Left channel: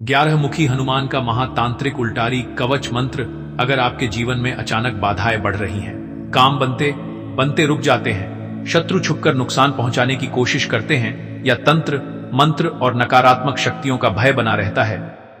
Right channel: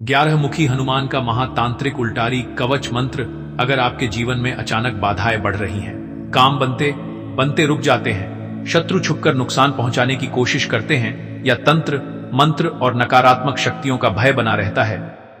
11 मुखी हनुमान का महातांत्रिक उल्टारी कवच मंत्र। अगर आपके जीवन में अचानक बाधाएं बढ़ रही हैं, काम बनते बनते रुक जाते हैं, शत्रु छुपकर नुकसान पहुंचाने की कोशिश करते हैं या तंत्र मंत्र और नकारात्मक शक्तियों का भय बना रहता है,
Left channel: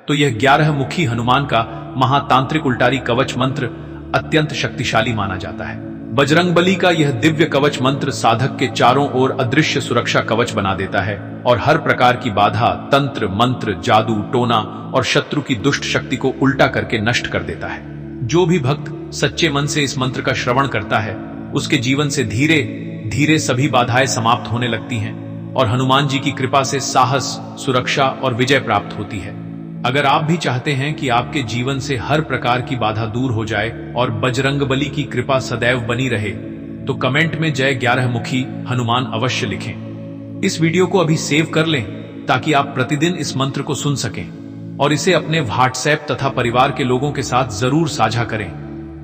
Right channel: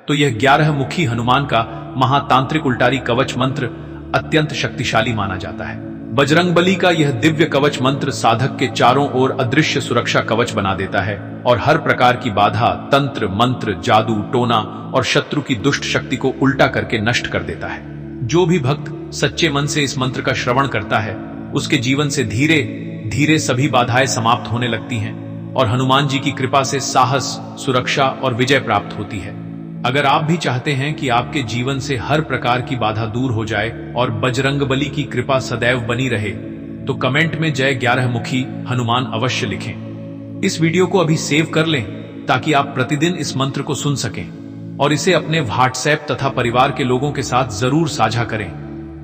तो यह 11 मुखी हनुमान का महातांत्रिक उल्टारी कवच मंत्र अत्यंत शक्तिशाली माना जाता है। बजरंगबली का यह दिव्य कवच मंत्र साधक के चारों ओर अदृश्य सुरक्षा कवच बना देता है और हर प्रकार की बाधा, तंत्र मंत्र, जादू टोना और शत्रु की दुष्ट शक्ति को उल्टा करके नष्ट कर देता है। जो भी भक्त सच्चे मन से इस मंत्र का श्रवण करता है, उसके जीवन से धीरे धीरे सभी बाधाएं समाप्त होने लगती हैं और हनुमान जी की कृपा से साहस, सुरक्षा और विजय प्राप्त होती है। अगर आप भी चाहते हैं कि आपके जीवन से हर प्रकार की बाधा दूर हो जाए और बजरंगबली की कृपा सदैव बनी रहे, तो कमेंट में जय 11 मुखी हनुमान अवश्य लिखें। इस वीडियो को अभी सेव कर लें ताकि आप प्रतिदिन इस मंत्र को सुन सकें और इसे अपने व्हाट्सएप तथा परिवार के लोगों के साथ जरूर साझा करें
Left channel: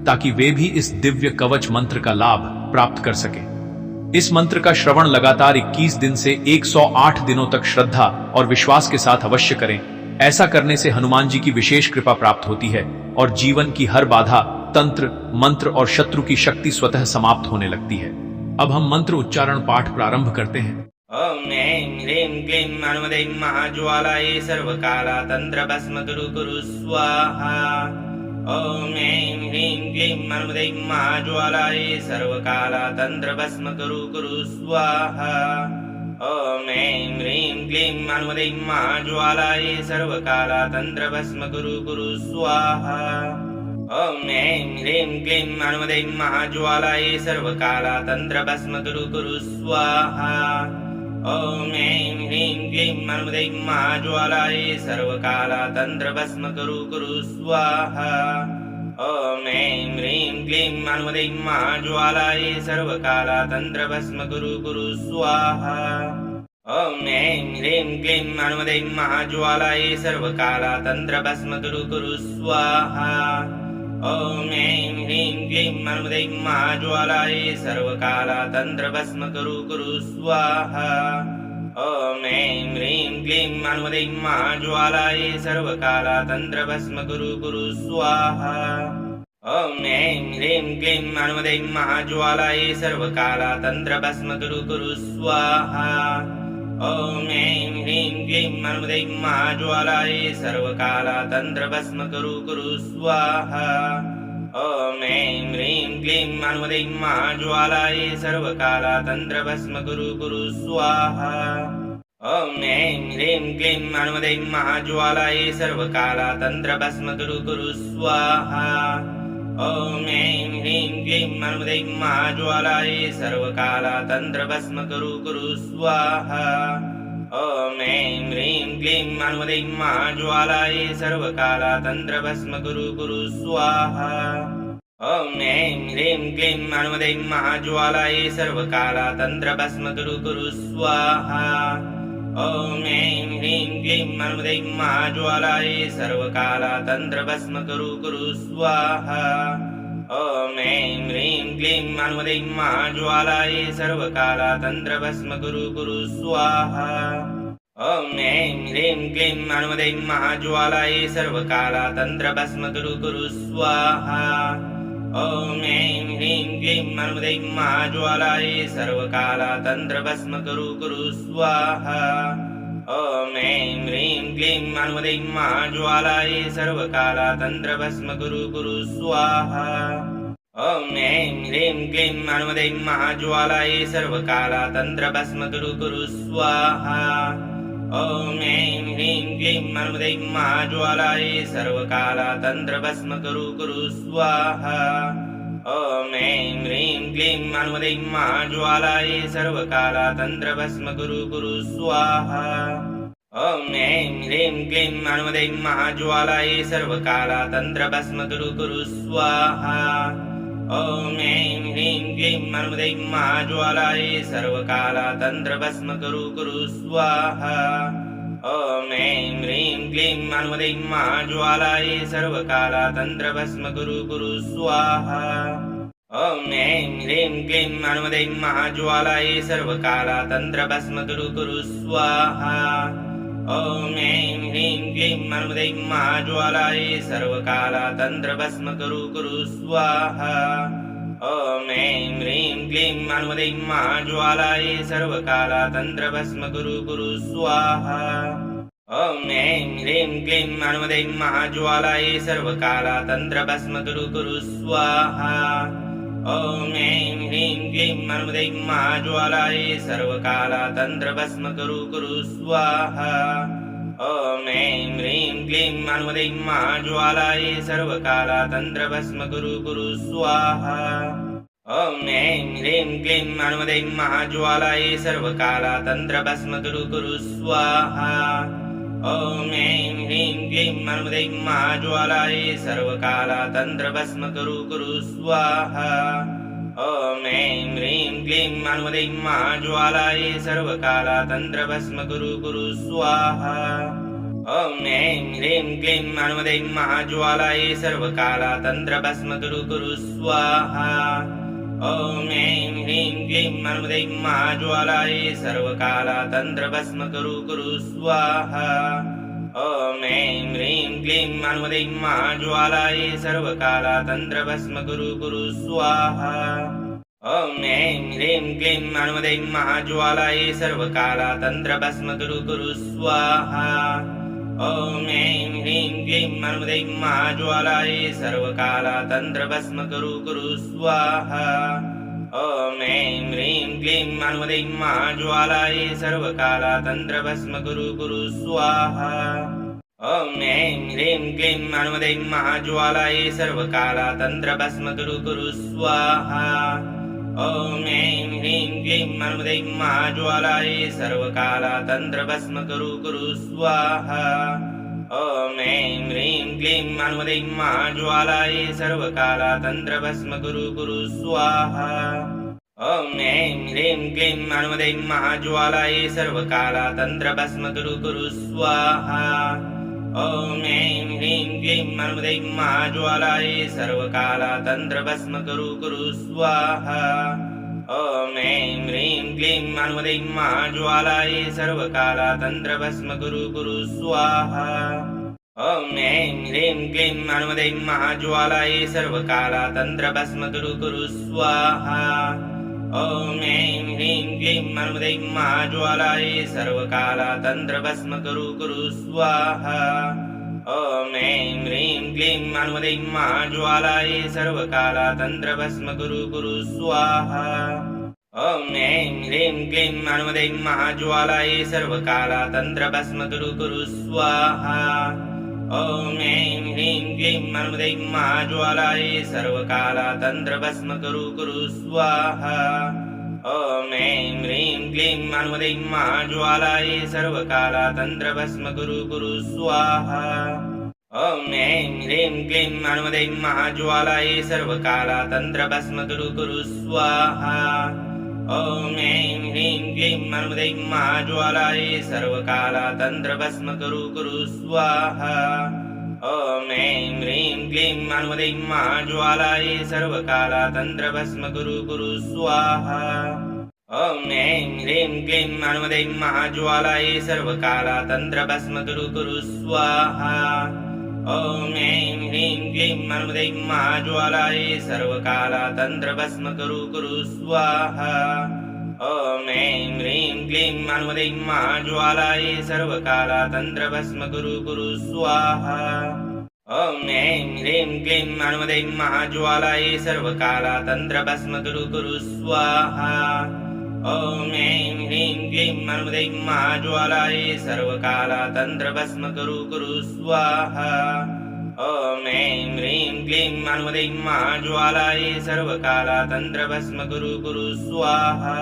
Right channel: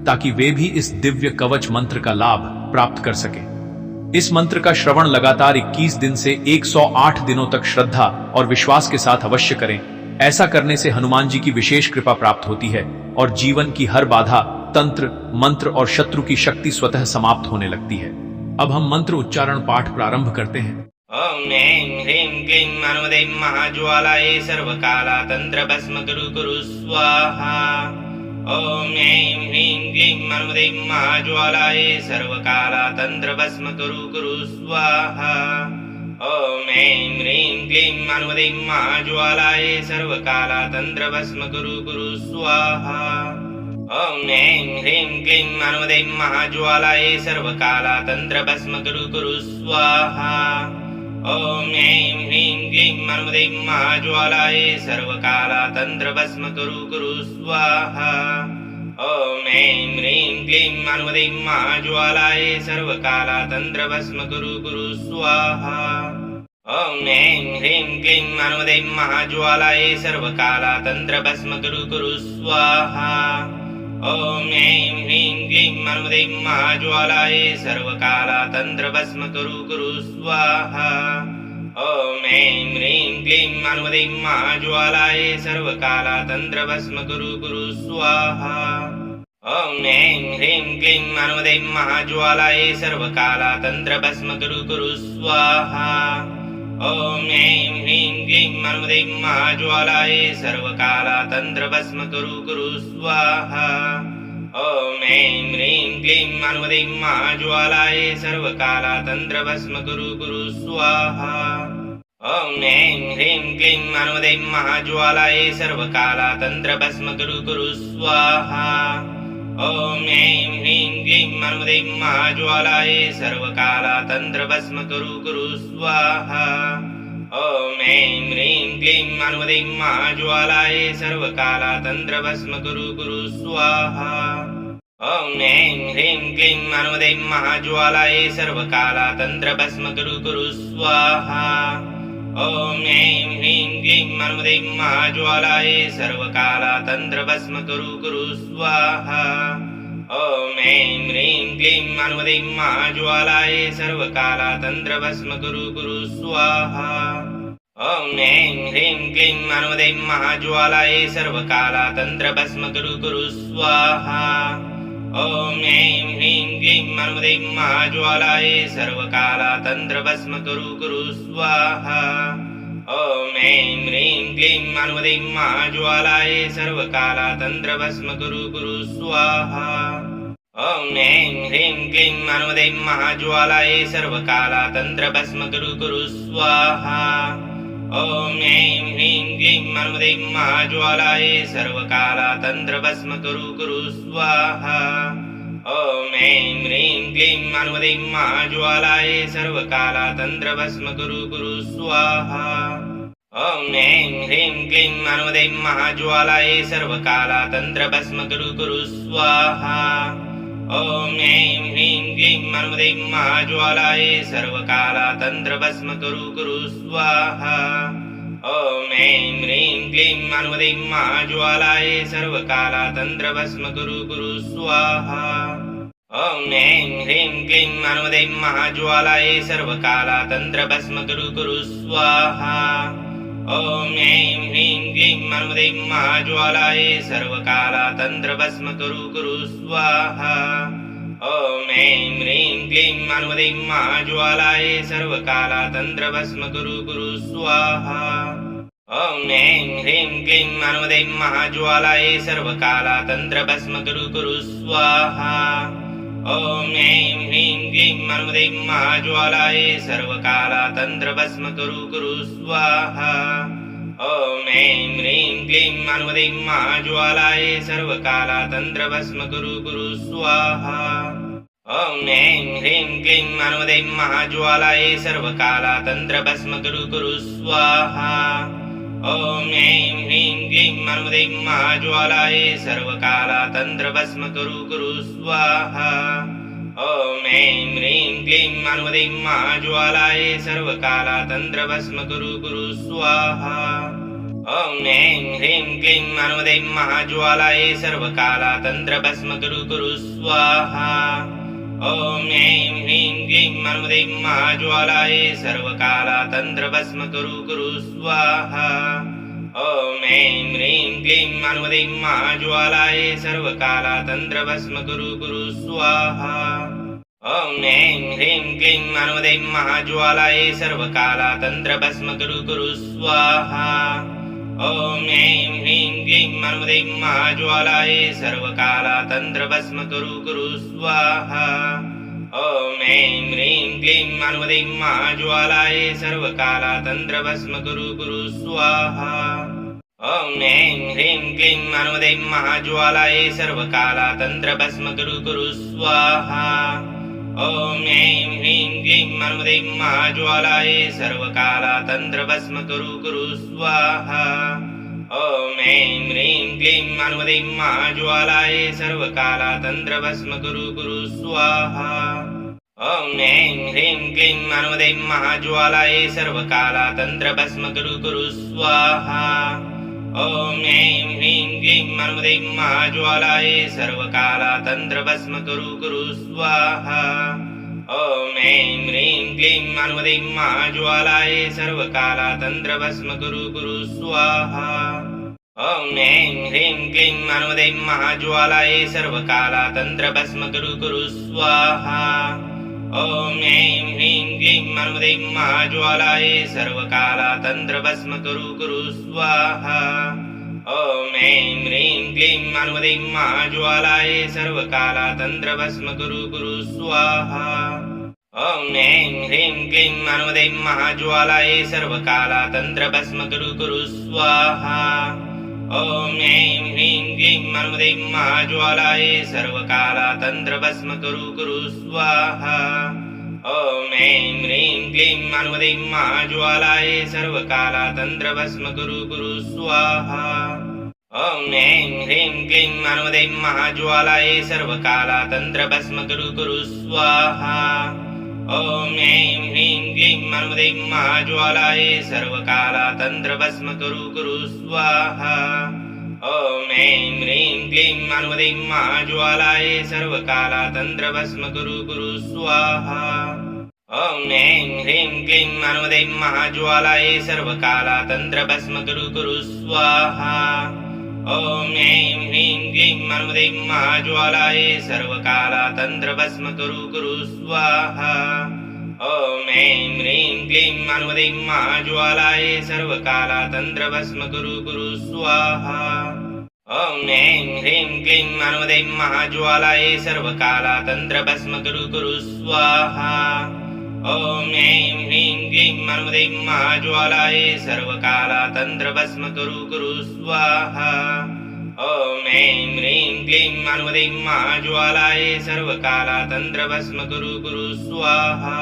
ताकि वे भी इस दिव्य कवच मंत्र का लाभ प्राप्त कर सकें। इस मंत्र का श्रवण लगातार 21 दिन से 108 दिनों तक श्रद्धा और विश्वास के साथ अवश्य करें। ऐसा करने से हनुमान जी की विशेष कृपा प्राप्त होती है और जीवन की हर बाधा, तंत्र मंत्र और शत्रु की शक्ति स्वतः समाप्त होने लगती है। अब हम मंत्र उच्चारण पाठ प्रारंभ करते हैं। ओम ऐं ह्रीं क्लीं हनुमते महाज्वालाय सर्वकाला तंत्र भस्म कुरु कुरु स्वाहा। ओम ऐं ह्रीं क्लीं हनुमते महाज्वालाय सर्वकाला तंत्र भस्म कुरु कुरु स्वाहा। ओम ऐं ह्रीं क्लीं हनुमते महाज्वालाय सर्वकाला तंत्र भस्म कुरु कुरु स्वाहा। ओम ऐं ह्रीं क्लीं हनुमते महाज्वालाय सर्वकाला तंत्र भस्म कुरु कुरु स्वाहा। ओम ऐं ह्रीं क्लीं हनुमते महाज्वालाय सर्वकाला तंत्र भस्म कुरु कुरु स्वाहा। ओम ऐं ह्रीं क्लीं हनुमते महाज्वालाय सर्वकाला तंत्र भस्म कुरु कुरु स्वाहा। ओम ऐं ह्रीं क्लीं हनुमते महाज्वालाय सर्वकाला तंत्र भस्म कुरु कुरु स्वाहा। ओम ऐं ह्रीं क्लीं हनुमते महाज्वालाय सर्वकाला तंत्र भस्म कुरु कुरु स्वाहा। ओम ऐं ह्रीं क्लीं हनुमते महाज्वालाय सर्वकाला तंत्र भस्म कुरु कुरु स्वाहा। ओम ऐं ह्रीं क्लीं हनुमते महाज्वालाय सर्वकाला तंत्र भस्म कुरु कुरु स्वाहा। ओम ऐं ह्रीं क्लीं हनुमते महाज्वालाय सर्वकाला तंत्र भस्म कुरु कुरु स्वाहा। ओम ऐं ह्रीं क्लीं हनुमते महाज्वालाय सर्वकाला तंत्र भस्म कुरु कुरु स्वाहा। ओम ऐं ह्रीं क्लीं हनुमते महाज्वालाय सर्वकाला तंत्र भस्म कुरु कुरु स्वाहा। ओम ऐं ह्रीं क्लीं हनुमते महाज्वालाय सर्वकाला तंत्र भस्म कुरु कुरु स्वाहा। ओम ऐं ह्रीं क्लीं हनुमते महाज्वालाय सर्वकाला तंत्र भस्म कुरु कुरु स्वाहा। ओम ऐं ह्रीं क्लीं हनुमते महाज्वालाय सर्वकाला तंत्र भस्म कुरु कुरु स्वाहा। ओम ऐं ह्रीं क्लीं हनुमते महाज्वालाय सर्वकाला तंत्र भस्म कुरु कुरु स्वाहा। ओम ऐं ह्रीं क्लीं हनुमते महाज्वालाय सर्वकाला तंत्र भस्म कुरु कुरु स्वाहा। ओम ऐं ह्रीं क्लीं हनुमते महाज्वालाय सर्वकाला तंत्र भस्म कुरु कुरु स्वाहा। ओम ऐं ह्रीं क्लीं हनुमते महाज्वालाय सर्वकाला तंत्र भस्म कुरु कुरु स्वाहा। ओम ऐं ह्रीं क्लीं हनुमते महाज्वालाय सर्वकाला तंत्र भस्म कुरु कुरु स्वाहा। ओम ऐं ह्रीं क्लीं हनुमते महाज्वालाय सर्वकाला तंत्र भस्म कुरु कुरु स्वाहा। ओम ऐं ह्रीं क्लीं हनुमते महाज्वालाय सर्वकाला तंत्र भस्म कुरु कुरु स्वाहा। ओम ऐं ह्रीं क्लीं हनुमते महाज्वालाय सर्वकाला तंत्र भस्म कुरु कुरु स्वाहा। ओम ऐं ह्रीं क्लीं हनुमते महाज्वालाय सर्वकाला तंत्र भस्म कुरु कुरु स्वाहा। ओम ऐं ह्रीं क्लीं हनुमते महाज्वालाय सर्वकाला तंत्र भस्म कुरु कुरु स्वाहा। ओम ऐं ह्रीं क्लीं हनुमते महाज्वालाय सर्वकाला तंत्र भस्म कुरु कुरु स्वाहा। ओम ऐं ह्रीं क्लीं हनुमते महाज्वालाय सर्वकाला तंत्र भस्म कुरु कुरु स्वाहा। ओम ऐं ह्रीं क्लीं हनुमते महाज्वालाय सर्वकालातन्त्रभस्म कुरु स्वाहा ॐ ऐं ह्रीं क्लीं हनुमते महाज्वालाय सर्वकालातन्त्रभस्म कुरु स्वाहा ॐ ऐं ह्रीं क्लीं हनुमते महाज्वालाय सर्वकालातन्त्रभस्म कुरु स्वाहा ॐ ऐं ह्रीं क्लीं हनुमते महाज्वालाय सर्वकालातन्त्रभस्म कुरु स्वाहा ॐ ऐं ह्रीं क्लीं हनुमते महाज्वालाय सर्वकालातन्त्रभस्म कुरु स्वाहा ॐ ऐं ह्रीं क्लीं हनुमते महाज्वालाय सर्वकालातन्त्रभस्म कुरु स्वाहा ॐ ऐं ह्रीं क्लीं हनुमते महाज्वालाय सर्वकालातन्त्रभस्म कुरु स्वाहा ॐ ऐं ह्रीं क्लीं हनुमते महाज्वालाय सर्वकालातन्त्रभस्म कुरु स्वाहा ॐ ऐं ह्रीं क्लीं हनुमते महाज्वालाय सर्वकालातन्त्रभस्म कुरु स्वाहा ॐ ऐं ह्रीं क्लीं हनुमते महाज्वालाय सर्वकालातन्त्रभस्म कुरु स्वाहा ॐ ऐं ह्रीं क्लीं हनुमते महाज्वालाय सर्वकालातन्त्रभस्म कुरु स्वाहा ॐ ऐं ह्रीं क्लीं हनुमते महाज्वालाय सर्वकालातन्त्रभस्म कुरु स्वाहा ॐ ऐं ह्रीं क्लीं हनुमते महाज्वालाय सर्वकालातन्त्रभस्म कुरु स्वाहा ॐ ऐं ह्रीं क्लीं हनुमते महाज्वालाय सर्वकालातन्त्रभस्म कुरु स्वाहा ॐ ऐं ह्रीं क्लीं हनुमते महाज्वालाय सर्वकालातन्त्रभस्म कुरु स्वाहा ॐ ऐं ह्रीं क्लीं हनुमते महाज्वालाय सर्वकालातन्त्रभस्म कुरु स्वाहा ॐ ऐं ह्रीं क्लीं हनुमते महाज्वालाय सर्वकालातन्त्रभस्म कुरु स्वाहा ॐ ऐं ह्रीं क्लीं हनुमते महाज्वालाय सर्वकालातन्त्रभस्म कुरु स्वाहा ॐ ऐं ह्रीं क्लीं हनुमते महाज्वालाय सर्वकालातन्त्रभस्म कुरु स्वाहा ॐ ऐं ह्रीं क्लीं हनुमते महाज्वालाय सर्वकालातन्त्रभस्म कुरु स्वाहा ॐ ऐं ह्रीं क्लीं हनुमते महाज्वालाय सर्वकालातन्त्रभस्म कुरु स्वाहा ॐ ऐं ह्रीं क्लीं हनुमते महाज्वालाय सर्वकालातन्त्रभस्म कुरु स्वाहा ॐ ऐं ह्रीं क्लीं हनुमते महाज्वालाय सर्वकालातन्त्रभस्म कुरु स्वाहा ॐ ऐं ह्रीं क्लीं हनुमते महाज्वालाय सर्वकालातन्त्रभस्म कुरु स्वाहा ॐ ऐं ह्रीं क्लीं हनुमते महाज्वालाय सर्वकालातन्त्रभस्म कुरु स्वाहा ॐ ऐं ह्रीं क्लीं हनुमते महाज्वालाय सर्वकालातन्त्रभस्म कुरु स्वाहा ॐ ऐं ह्रीं क्लीं हनुमते महाज्वालाय सर्वकालातन्त्रभस्म कुरु स्वाहा ॐ ऐं ह्रीं क्लीं हनुमते महाज्वालाय सर्वकालातन्त्रभस्म कुरु स्वाहा ॐ ऐं ह्रीं क्लीं हनुमते महाज्वालाय सर्वकालातन्त्रभस्म कुरु स्वाहा ॐ ऐं ह्रीं क्लीं हनुमते महाज्वालाय सर्वकालातन्त्रभस्म कुरु स्वाहा ॐ ऐं ह्रीं क्लीं हनुमते महाज्वालाय सर्वकालातन्त्रभस्म कुरु स्वाहा ॐ ऐं ह्रीं क्लीं हनुमते महाज्वालाय सर्वकालातन्त्रभस्म कुरु स्वाहा ॐ ऐं ह्रीं क्लीं हनुमते महाज्वालाय सर्वकालातन्त्रभस्म कुरु स्वाहा ॐ ऐं ह्रीं क्लीं हनुमते महाज्वालाय सर्वकालातन्त्रभस्म कुरु स्वाहा ॐ ऐं ह्रीं क्लीं हनुमते महाज्वालाय सर्वकालातन्त्रभस्म कुरु स्वाहा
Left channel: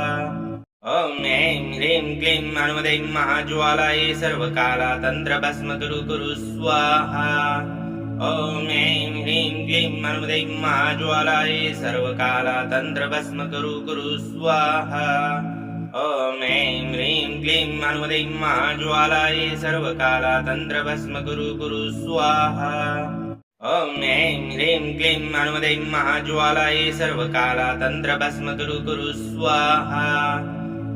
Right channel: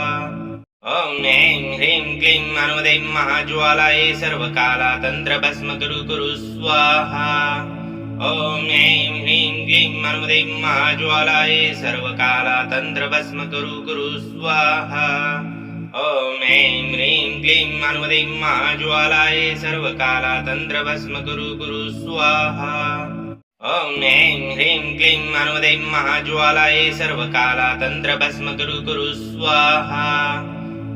ॐ ऐं ह्रीं क्लीं हनुमते महाज्वालाय सर्वकालातन्त्रभस्म कुरु स्वाहा ॐ ऐं ह्रीं क्लीं हनुमते महाज्वालाय सर्वकालातन्त्रभस्म कुरु स्वाहा ॐ ऐं ह्रीं क्लीं हनुमते महाज्वालाय सर्वकालातन्त्रभस्म कुरु स्वाहा ॐ ऐं ह्रीं क्लीं हनुमते महाज्वालाय सर्वकालातन्त्रभस्म कुरु स्वाहा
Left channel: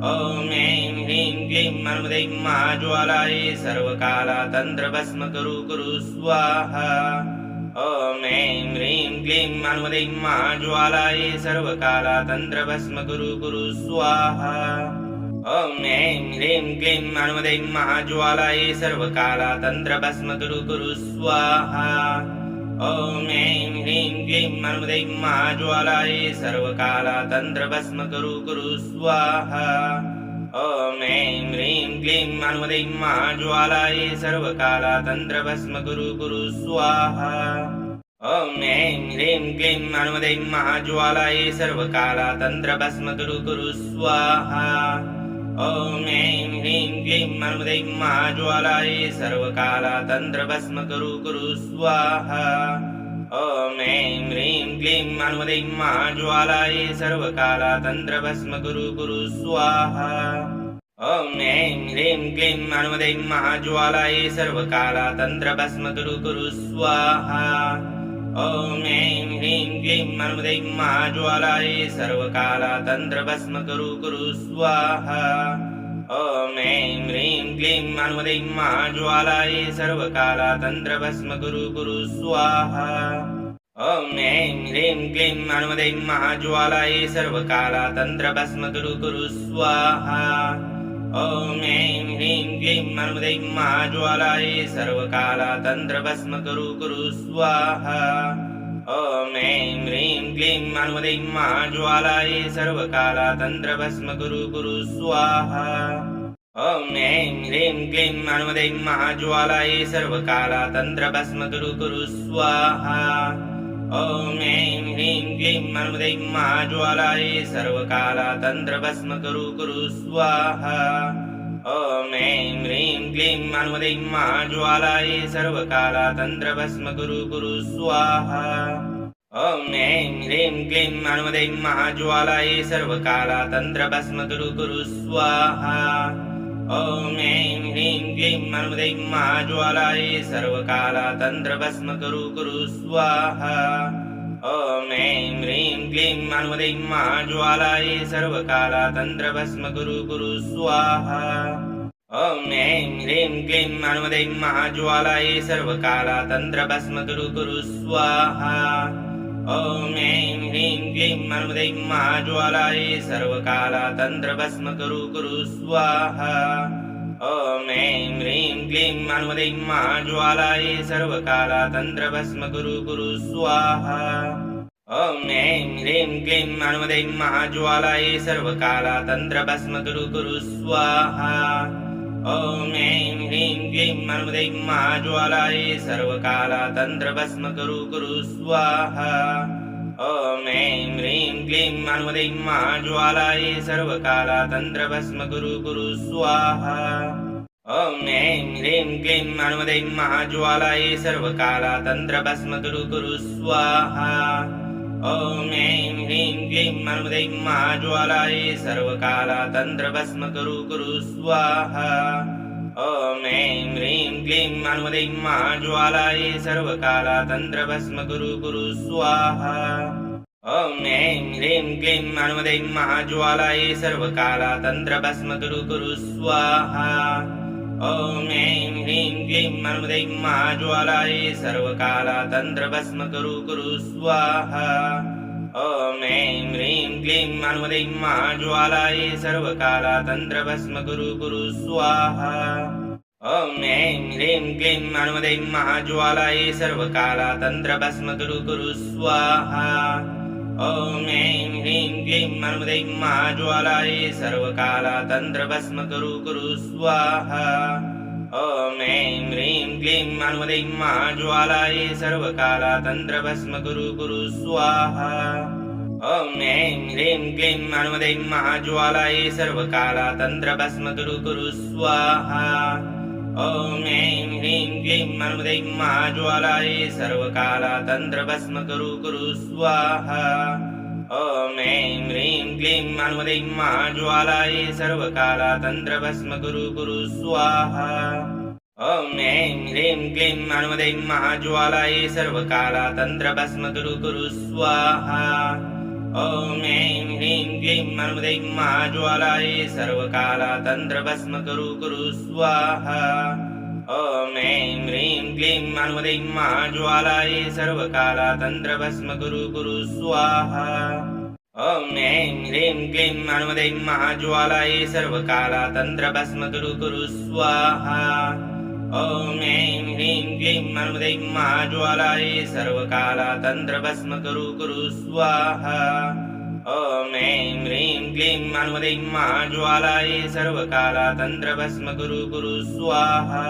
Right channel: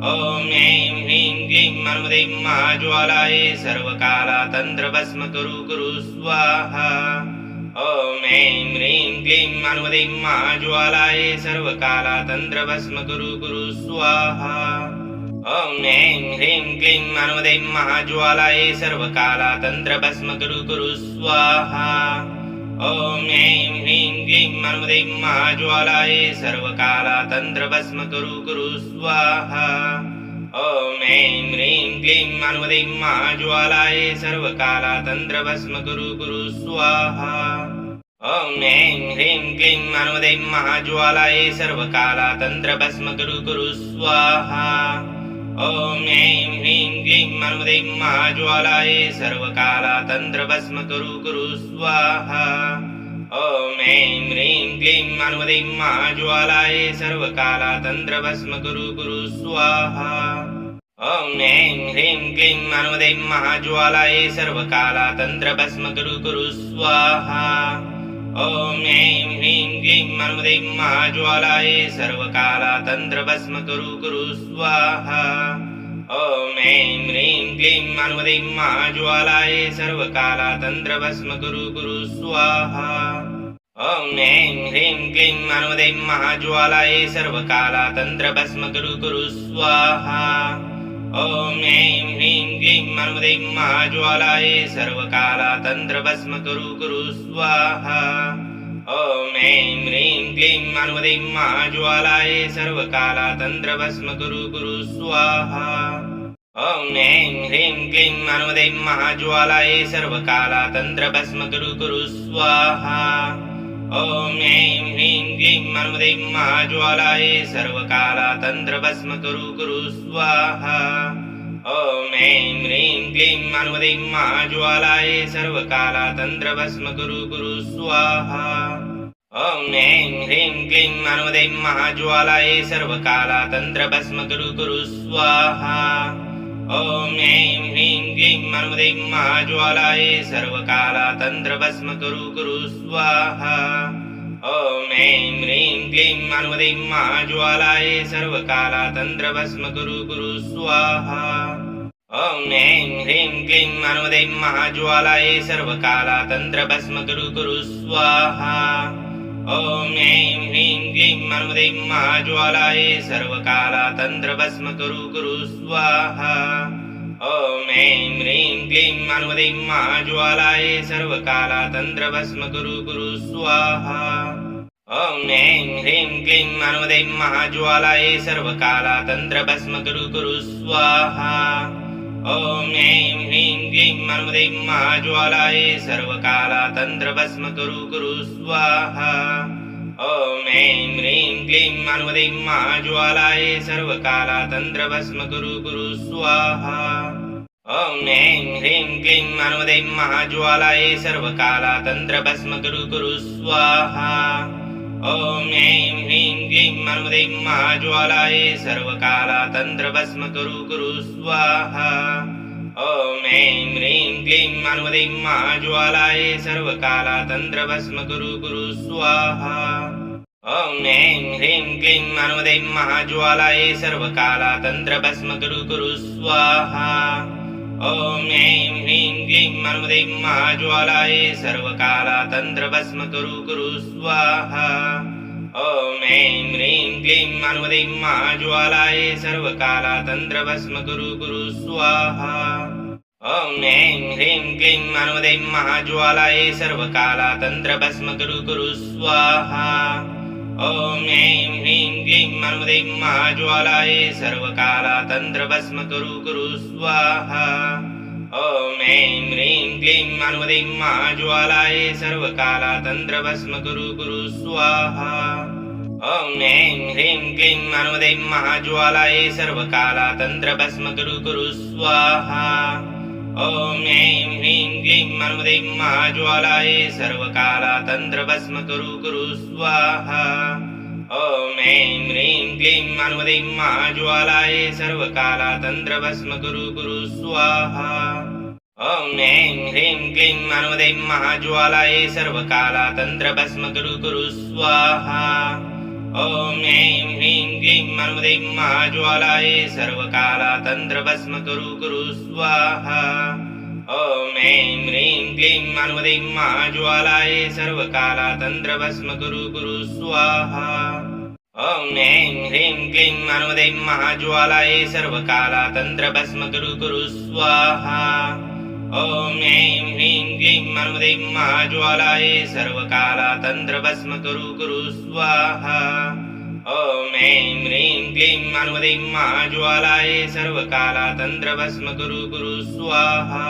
ॐ ऐं ह्रीं क्लीं हनुमते महाज्वालाय सर्वकालातन्त्रभस्म कुरु स्वाहा ॐ ऐं ह्रीं क्लीं हनुमते महाज्वालाय सर्वकालातन्त्रभस्म कुरु स्वाहा ॐ ऐं ह्रीं क्लीं हनुमते महाज्वालाय सर्वकालातन्त्रभस्म कुरु स्वाहा ॐ ऐं ह्रीं क्लीं हनुमते महाज्वालाय सर्वकालातन्त्रभस्म कुरु स्वाहा ॐ ऐं ह्रीं क्लीं हनुमते महाज्वालाय सर्वकालातन्त्रभस्म कुरु स्वाहा ॐ ऐं ह्रीं क्लीं हनुमते महाज्वालाय सर्वकालातन्त्रभस्म कुरु स्वाहा ॐ ऐं ह्रीं क्लीं हनुमते महाज्वालाय सर्वकालातन्त्रभस्म कुरु स्वाहा ॐ ऐं ह्रीं क्लीं हनुमते महाज्वालाय सर्वकालातन्त्रभस्म कुरु स्वाहा ॐ ऐं ह्रीं क्लीं हनुमते महाज्वालाय सर्वकालातन्त्रभस्म कुरु स्वाहा ॐ ऐं ह्रीं क्लीं हनुमते महाज्वालाय सर्वकालातन्त्रभस्म कुरु स्वाहा ॐ ऐं ह्रीं क्लीं हनुमते महाज्वालाय सर्वकालातन्त्रभस्म कुरु स्वाहा ॐ ऐं ह्रीं क्लीं हनुमते महाज्वालाय सर्वकालातन्त्रभस्म कुरु स्वाहा ॐ ऐं ह्रीं क्लीं हनुमते महाज्वालाय सर्वकालातन्त्रभस्म कुरु स्वाहा ॐ ऐं ह्रीं क्लीं हनुमते महाज्वालाय सर्वकालातन्त्रभस्म कुरु स्वाहा ॐ ऐं ह्रीं क्लीं हनुमते महाज्वालाय सर्वकालातन्त्रभस्म कुरु स्वाहा ॐ ऐं ह्रीं क्लीं हनुमते महाज्वालाय सर्वकालातन्त्रभस्म कुरु स्वाहा ॐ ऐं ह्रीं क्लीं हनुमते महाज्वालाय सर्वकालातन्त्रभस्म कुरु स्वाहा ॐ ऐं ह्रीं क्लीं हनुमते महाज्वालाय सर्वकालातन्त्रभस्म कुरु स्वाहा ॐ ऐं ह्रीं क्लीं हनुमते महाज्वालाय सर्वकालातन्त्रभस्म कुरु स्वाहा ॐ ऐं ह्रीं क्लीं हनुमते महाज्वालाय सर्वकालातन्त्रभस्म कुरु स्वाहा ॐ ऐं ह्रीं क्लीं हनुमते महाज्वालाय सर्वकालातन्त्रभस्म कुरु स्वाहा ॐ ऐं ह्रीं क्लीं हनुमते महाज्वालाय सर्वकालातन्त्रभस्म कुरु स्वाहा ॐ ऐं ह्रीं क्लीं हनुमते महाज्वालाय सर्वकालातन्त्रभस्म कुरु स्वाहा ॐ ऐं ह्रीं क्लीं हनुमते महाज्वालाय सर्वकालातन्त्रभस्म कुरु स्वाहा ॐ ऐं ह्रीं क्लीं हनुमते महाज्वालाय सर्वकालातन्त्रभस्म कुरु स्वाहा ॐ ऐं ह्रीं क्लीं हनुमते महाज्वालाय सर्वकालातन्त्रभस्म कुरु स्वाहा ॐ ऐं ह्रीं क्लीं हनुमते महाज्वालाय सर्वकालातन्त्रभस्म कुरु स्वाहा ॐ ऐं ह्रीं क्लीं हनुमते महाज्वालाय सर्वकालातन्त्रभस्म कुरु स्वाहा ॐ ऐं ह्रीं क्लीं हनुमते महाज्वालाय सर्वकालातन्त्रभस्म कुरु स्वाहा ॐ ऐं ह्रीं क्लीं हनुमते महाज्वालाय सर्वकालातन्त्रभस्म कुरु स्वाहा ॐ ऐं ह्रीं क्लीं हनुमते महाज्वालाय सर्वकालातन्त्रभस्म कुरु स्वाहा ॐ ऐं ह्रीं क्लीं हनुमते महाज्वालाय सर्वकालातन्त्रभस्म कुरु स्वाहा ॐ ऐं ह्रीं क्लीं हनुमते महाज्वालाय सर्वकालातन्त्रभस्म कुरु स्वाहा ॐ ऐं ह्रीं क्लीं हनुमते महाज्वालाय सर्वकालातन्त्रभस्म कुरु स्वाहा ॐ ऐं ह्रीं क्लीं हनुमते महाज्वालाय सर्वकालातन्त्रभस्म कुरु स्वाहा ॐ ऐं ह्रीं क्लीं हनुमते महाज्वालाय सर्वकालातन्त्रभस्म कुरु स्वाहा ॐ ऐं ह्रीं क्लीं हनुमते महाज्वालाय सर्वकालातन्त्रभस्म कुरु स्वाहा ॐ ऐं ह्रीं क्लीं हनुमते महाज्वालाय सर्वकालातन्त्रभस्म कुरु स्वाहा ॐ ऐं ह्रीं क्लीं हनुमते महाज्वालाय सर्वकालातन्त्रभस्म कुरु स्वाहा ॐ ऐं ह्रीं क्लीं अनुमदैं महाज्वालायै सर्वकालातन्त्रभस्म कुरु स्वाहा ॐ ऐं ह्रीं क्लीं अनुमदैं महाज्वालायै सर्वकालातन्त्रभस्म कुरु स्वाहा ॐ ऐं ह्रीं क्लीं अनुमदैं महाज्वालायै सर्वकालातन्त्रभस्म कुरु स्वाहा ॐ ऐं ह्रीं क्लीं अनुमदैं महाज्वालायै सर्वकालातन्त्रभस्म कुरु स्वाहा ॐ ऐं ह्रीं क्लीं अनुमदैं महाज्वालायै सर्वकालातन्त्रभस्म कुरु स्वाहा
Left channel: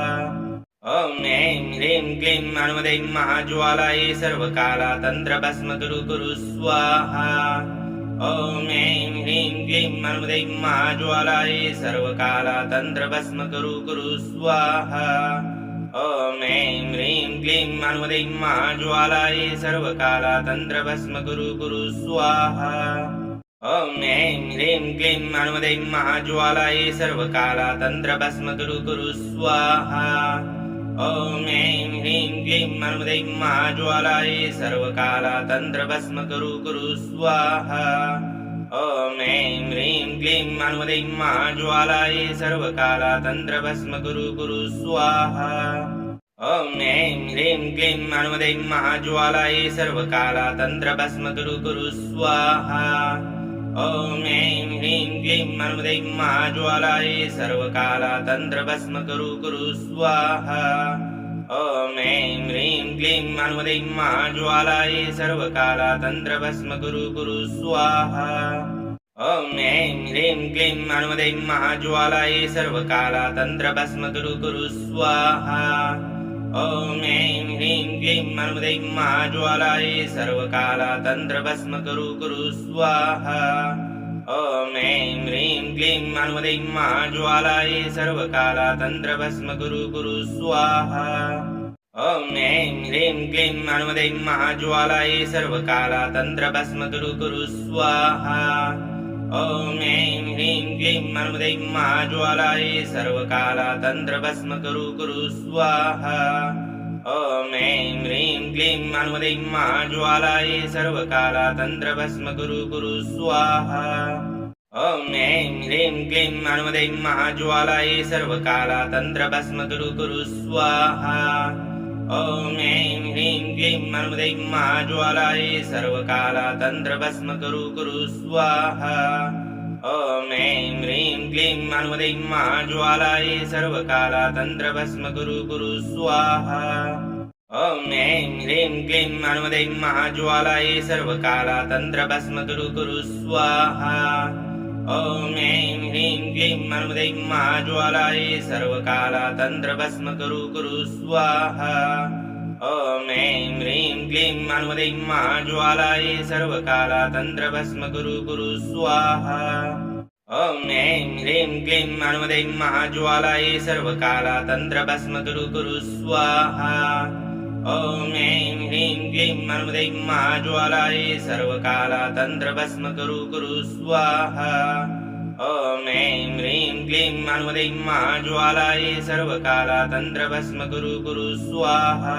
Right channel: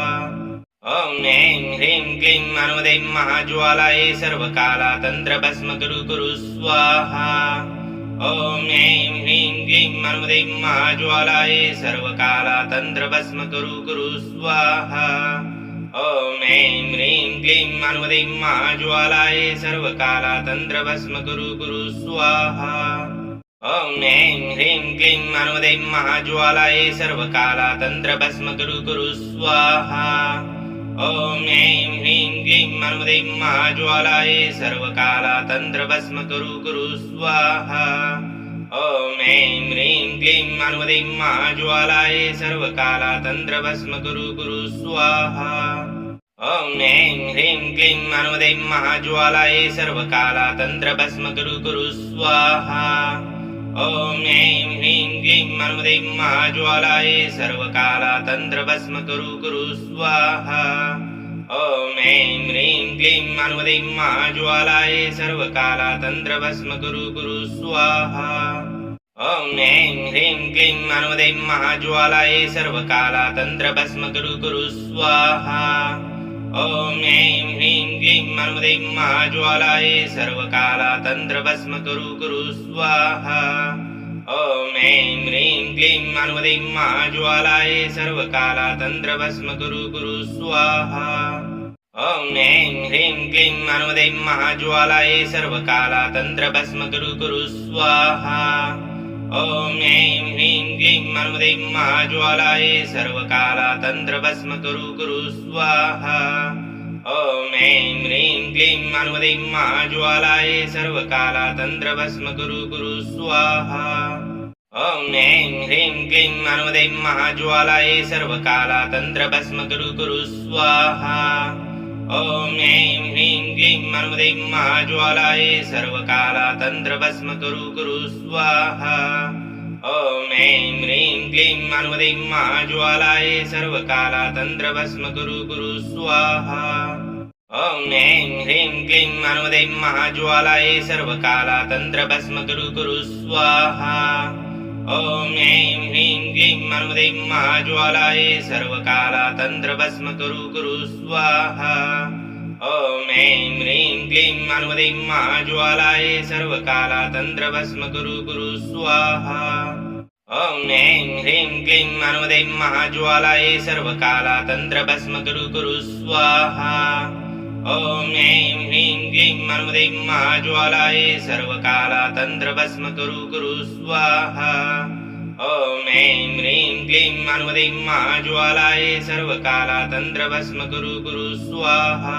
ॐ ऐं ह्रीं क्लीं अनुमदैं महाज्वालायै सर्वकालातन्त्रभस्म कुरु स्वाहा ॐ ऐं ह्रीं क्लीं अनुमदैं महाज्वालायै सर्वकालातन्त्रभस्म कुरु स्वाहा ॐ ऐं ह्रीं क्लीं अनुमदैं महाज्वालायै सर्वकालातन्त्रभस्म कुरु स्वाहा ॐ ऐं ह्रीं क्लीं अनुमदैं महाज्वालायै सर्वकालातन्त्रभस्म कुरु स्वाहा ॐ ऐं ह्रीं क्लीं अनुमदैं महाज्वालायै सर्वकालातन्त्रभस्म कुरु स्वाहा ॐ ऐं ह्रीं क्लीं अनुमदैं महाज्वालायै सर्वकालातन्त्रभस्म कुरु स्वाहा ॐ ऐं ह्रीं क्लीं अनुमदैं महाज्वालायै सर्वकालातन्त्रभस्म कुरु स्वाहा ॐ ऐं ह्रीं क्लीं अनुमदैं महाज्वालायै सर्वकालातन्त्रभस्म कुरु स्वाहा ॐ ऐं ह्रीं क्लीं अनुमदैं महाज्वालायै सर्वकालातन्त्रभस्म कुरु स्वाहा ॐ ऐं ह्रीं क्लीं अनुमदैं महाज्वालायै सर्वकालातन्त्रभस्म कुरु स्वाहा ॐ ऐं ह्रीं क्लीं अनुमदैं महाज्वालायै सर्वकालातन्त्रभस्म कुरु स्वाहा ॐ ऐं ह्रीं क्लीं अनुमदैं महाज्वालायै सर्वकालातन्त्रभस्म कुरु स्वाहा ॐ ऐं ह्रीं क्लीं अनुमदैं महाज्वालायै सर्वकालातन्त्रभस्म कुरु स्वाहा ॐ ऐं ह्रीं क्लीं अनुमदैं महाज्वालायै सर्वकालातन्त्रभस्म कुरु स्वाहा ॐ ऐं ह्रीं क्लीं अनुमदैं महाज्वालायै सर्वकालातन्त्रभस्म कुरु स्वाहा ॐ ऐं ह्रीं क्लीं अनुमदैं महाज्वालायै सर्वकालातन्त्रभस्म कुरु स्वाहा ॐ ऐं ह्रीं क्लीं अनुमदैं महाज्वालायै सर्वकालातन्त्रभस्म कुरु स्वाहा ॐ ऐं ह्रीं क्लीं अनुमदैं महाज्वालायै सर्वकालातन्त्रभस्म कुरु स्वाहा ॐ ऐं ह्रीं क्लीं अनुमदैं महाज्वालायै सर्वकालातन्त्रभस्म कुरु स्वाहा ॐ ऐं ह्रीं क्लीं अनुमदैं महाज्वालायै सर्वकालातन्त्रभस्म कुरु स्वाहा ॐ ऐं ह्रीं क्लीं अनुमदैं महाज्वालायै सर्वकालातन्त्रभस्म कुरु स्वाहा ॐ ऐं ह्रीं क्लीं अनुमदैं महाज्वालायै सर्वकालातन्त्रभस्म कुरु स्वाहा ॐ ऐं ह्रीं क्लीं अनुमदैं महाज्वालायै सर्वकालातन्त्रभस्म कुरु स्वाहा ॐ ऐं ह्रीं क्लीं अनुमदैं महाज्वालायै सर्वकालातन्त्रभस्म कुरु स्वाहा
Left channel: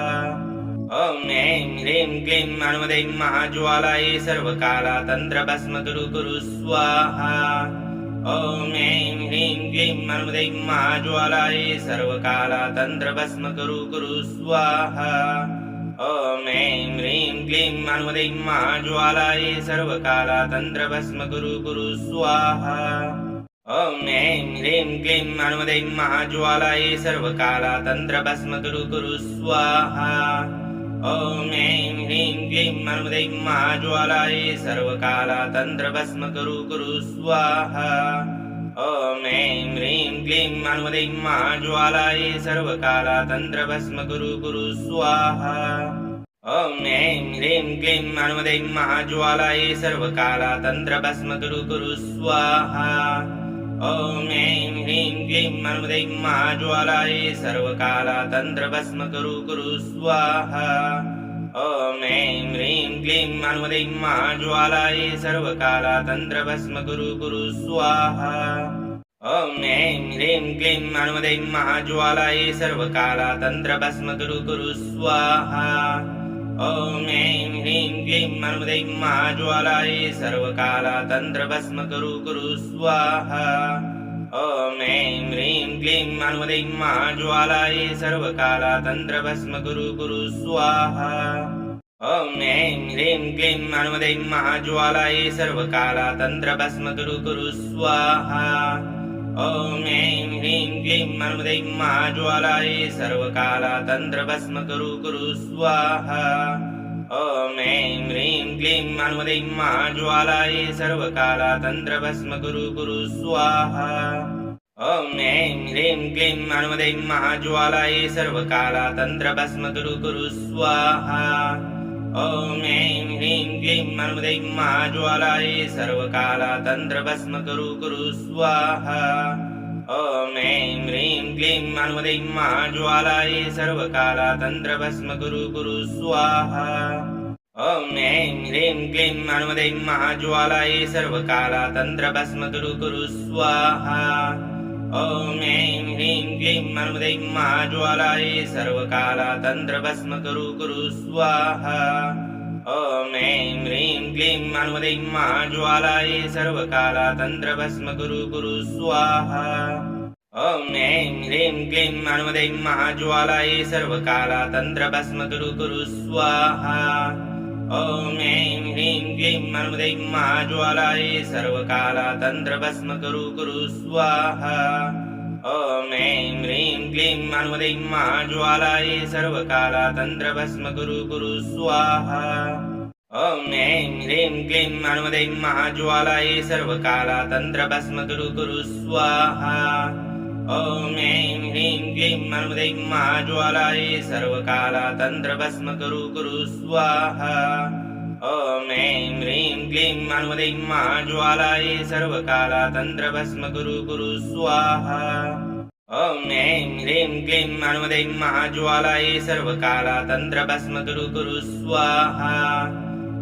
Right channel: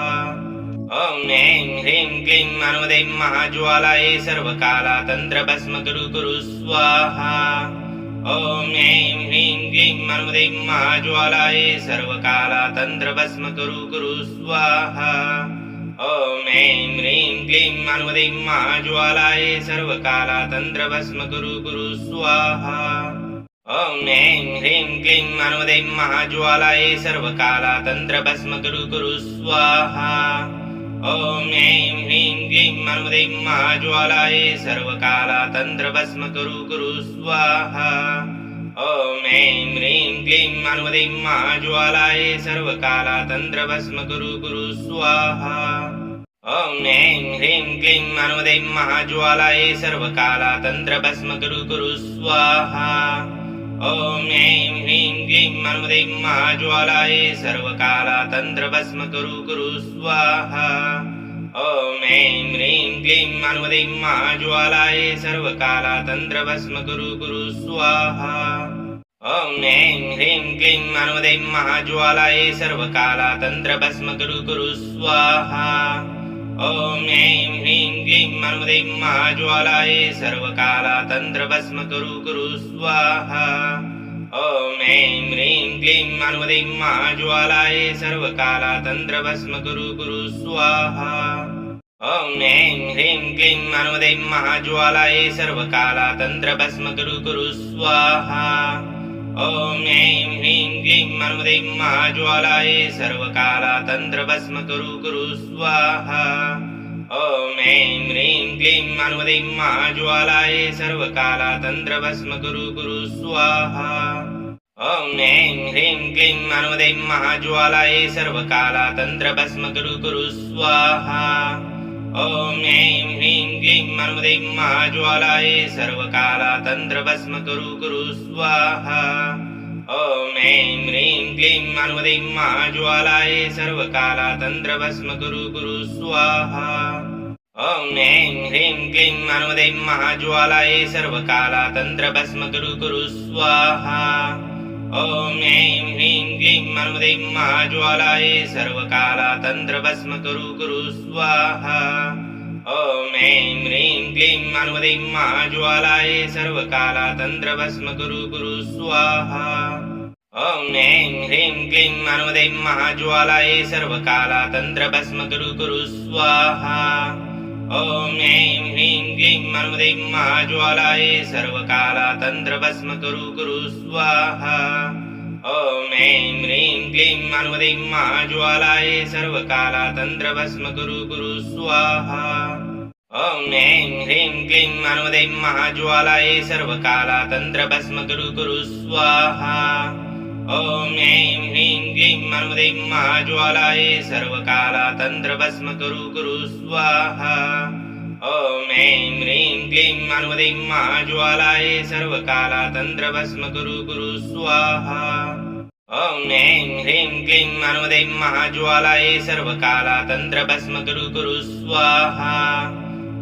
ॐ ऐं ह्रीं क्लीं अनुमदैं महाज्वालायै सर्वकालातन्त्रभस्म कुरु स्वाहा ॐ ऐं ह्रीं क्लीं अनुमदैं महाज्वालायै सर्वकालातन्त्रभस्म कुरु स्वाहा ॐ ऐं ह्रीं क्लीं अनुमदैं महाज्वालायै सर्वकालातन्त्रभस्म कुरु स्वाहा ॐ ऐं ह्रीं क्लीं अनुमदैं महाज्वालायै सर्वकालातन्त्रभस्म कुरु स्वाहा ॐ ऐं ह्रीं क्लीं अनुमदैं महाज्वालायै सर्वकालातन्त्रभस्म कुरु स्वाहा ॐ ऐं ह्रीं क्लीं अनुमदैं महाज्वालायै सर्वकालातन्त्रभस्म कुरु स्वाहा ॐ ऐं ह्रीं क्लीं अनुमदैं महाज्वालायै सर्वकालातन्त्रभस्म कुरु स्वाहा ॐ ऐं ह्रीं क्लीं अनुमदैं महाज्वालायै सर्वकालातन्त्रभस्म कुरु स्वाहा ॐ ऐं ह्रीं क्लीं अनुमदैं महाज्वालायै सर्वकालातन्त्रभस्म कुरु स्वाहा ॐ ऐं ह्रीं क्लीं अनुमदैं महाज्वालायै सर्वकालातन्त्रभस्म कुरु स्वाहा ॐ ऐं ह्रीं क्लीं हनुमते महाज्वालायै सर्वकालातन्त्रभस्म कुरु स्वाहा ॐ ऐं ह्रीं क्लीं हनुमते महाज्वालायै सर्वकालातन्त्रभस्म कुरु स्वाहा ॐ ऐं ह्रीं क्लीं हनुमते महाज्वालायै सर्वकालातन्त्रभस्म कुरु स्वाहा ॐ ऐं ह्रीं क्लीं हनुमते महाज्वालायै सर्वकालातन्त्रभस्म कुरु स्वाहा ॐ ऐं ह्रीं क्लीं हनुमते महाज्वालायै सर्वकालातन्त्रभस्म कुरु स्वाहा ॐ ऐं ह्रीं क्लीं हनुमते महाज्वालायै सर्वकालातन्त्रभस्म कुरु स्वाहा ॐ ऐं ह्रीं क्लीं हनुमते महाज्वालायै सर्वकालातन्त्रभस्म कुरु स्वाहा ॐ ऐं ह्रीं क्लीं हनुमते महाज्वालायै सर्वकालातन्त्रभस्म कुरु स्वाहा ॐ ऐं ह्रीं क्लीं हनुमते महाज्वालायै सर्वकालातन्त्रभस्म कुरु स्वाहा ॐ ऐं ह्रीं क्लीं हनुमते महाज्वालायै सर्वकालातन्त्रभस्म कुरु स्वाहा ॐ ऐं ह्रीं क्लीं हनुमते महाज्वालायै सर्वकालातन्त्रभस्म कुरु स्वाहा ॐ ऐं ह्रीं क्लीं हनुमते महाज्वालायै सर्वकालातन्त्रभस्म कुरु स्वाहा ॐ ऐं ह्रीं क्लीं हनुमते महाज्वालायै सर्वकालातन्त्रभस्म कुरु स्वाहा ॐ ऐं ह्रीं क्लीं हनुमते महाज्वालायै सर्वकालातन्त्रभस्म कुरु स्वाहा ॐ ऐं ह्रीं क्लीं हनुमते महाज्वालायै सर्वकालातन्त्रभस्म कुरु स्वाहा ॐ ऐं ह्रीं क्लीं हनुमते महाज्वालायै सर्वकालातन्त्रभस्म कुरु स्वाहा ॐ ऐं ह्रीं क्लीं हनुमते महाज्वालायै सर्वकालातन्त्रभस्म कुरु स्वाहा ॐ ऐं ह्रीं क्लीं हनुमते महाज्वालायै सर्वकालातन्त्रभस्म कुरु स्वाहा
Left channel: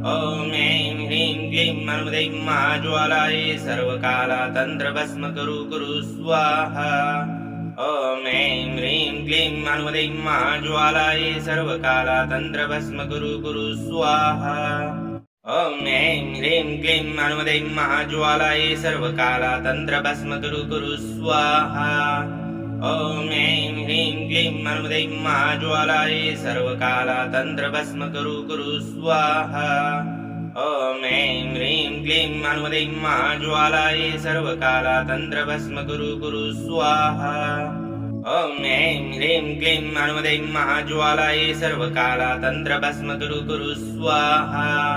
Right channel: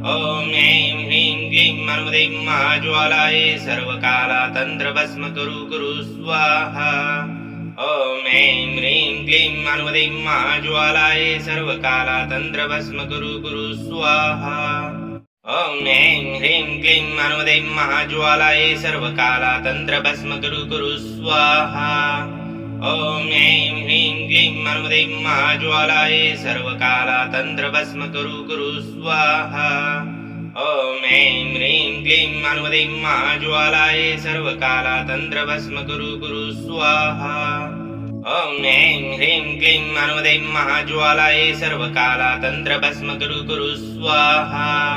ॐ ऐं ह्रीं क्लीं हनुमते महाज्वालायै सर्वकालातन्त्रभस्म कुरु स्वाहा ॐ ऐं ह्रीं क्लीं हनुमते महाज्वालायै सर्वकालातन्त्रभस्म कुरु स्वाहा ॐ ऐं ह्रीं क्लीं हनुमते महाज्वालायै सर्वकालातन्त्रभस्म कुरु स्वाहा ॐ ऐं ह्रीं क्लीं हनुमते महाज्वालायै सर्वकालातन्त्रभस्म कुरु स्वाहा ॐ ऐं ह्रीं क्लीं हनुमते महाज्वालायै सर्वकालातन्त्रभस्म कुरु स्वाहा ॐ ऐं ह्रीं क्लीं हनुमते महाज्वालायै सर्वकालातन्त्रभस्म कुरु स्वाहा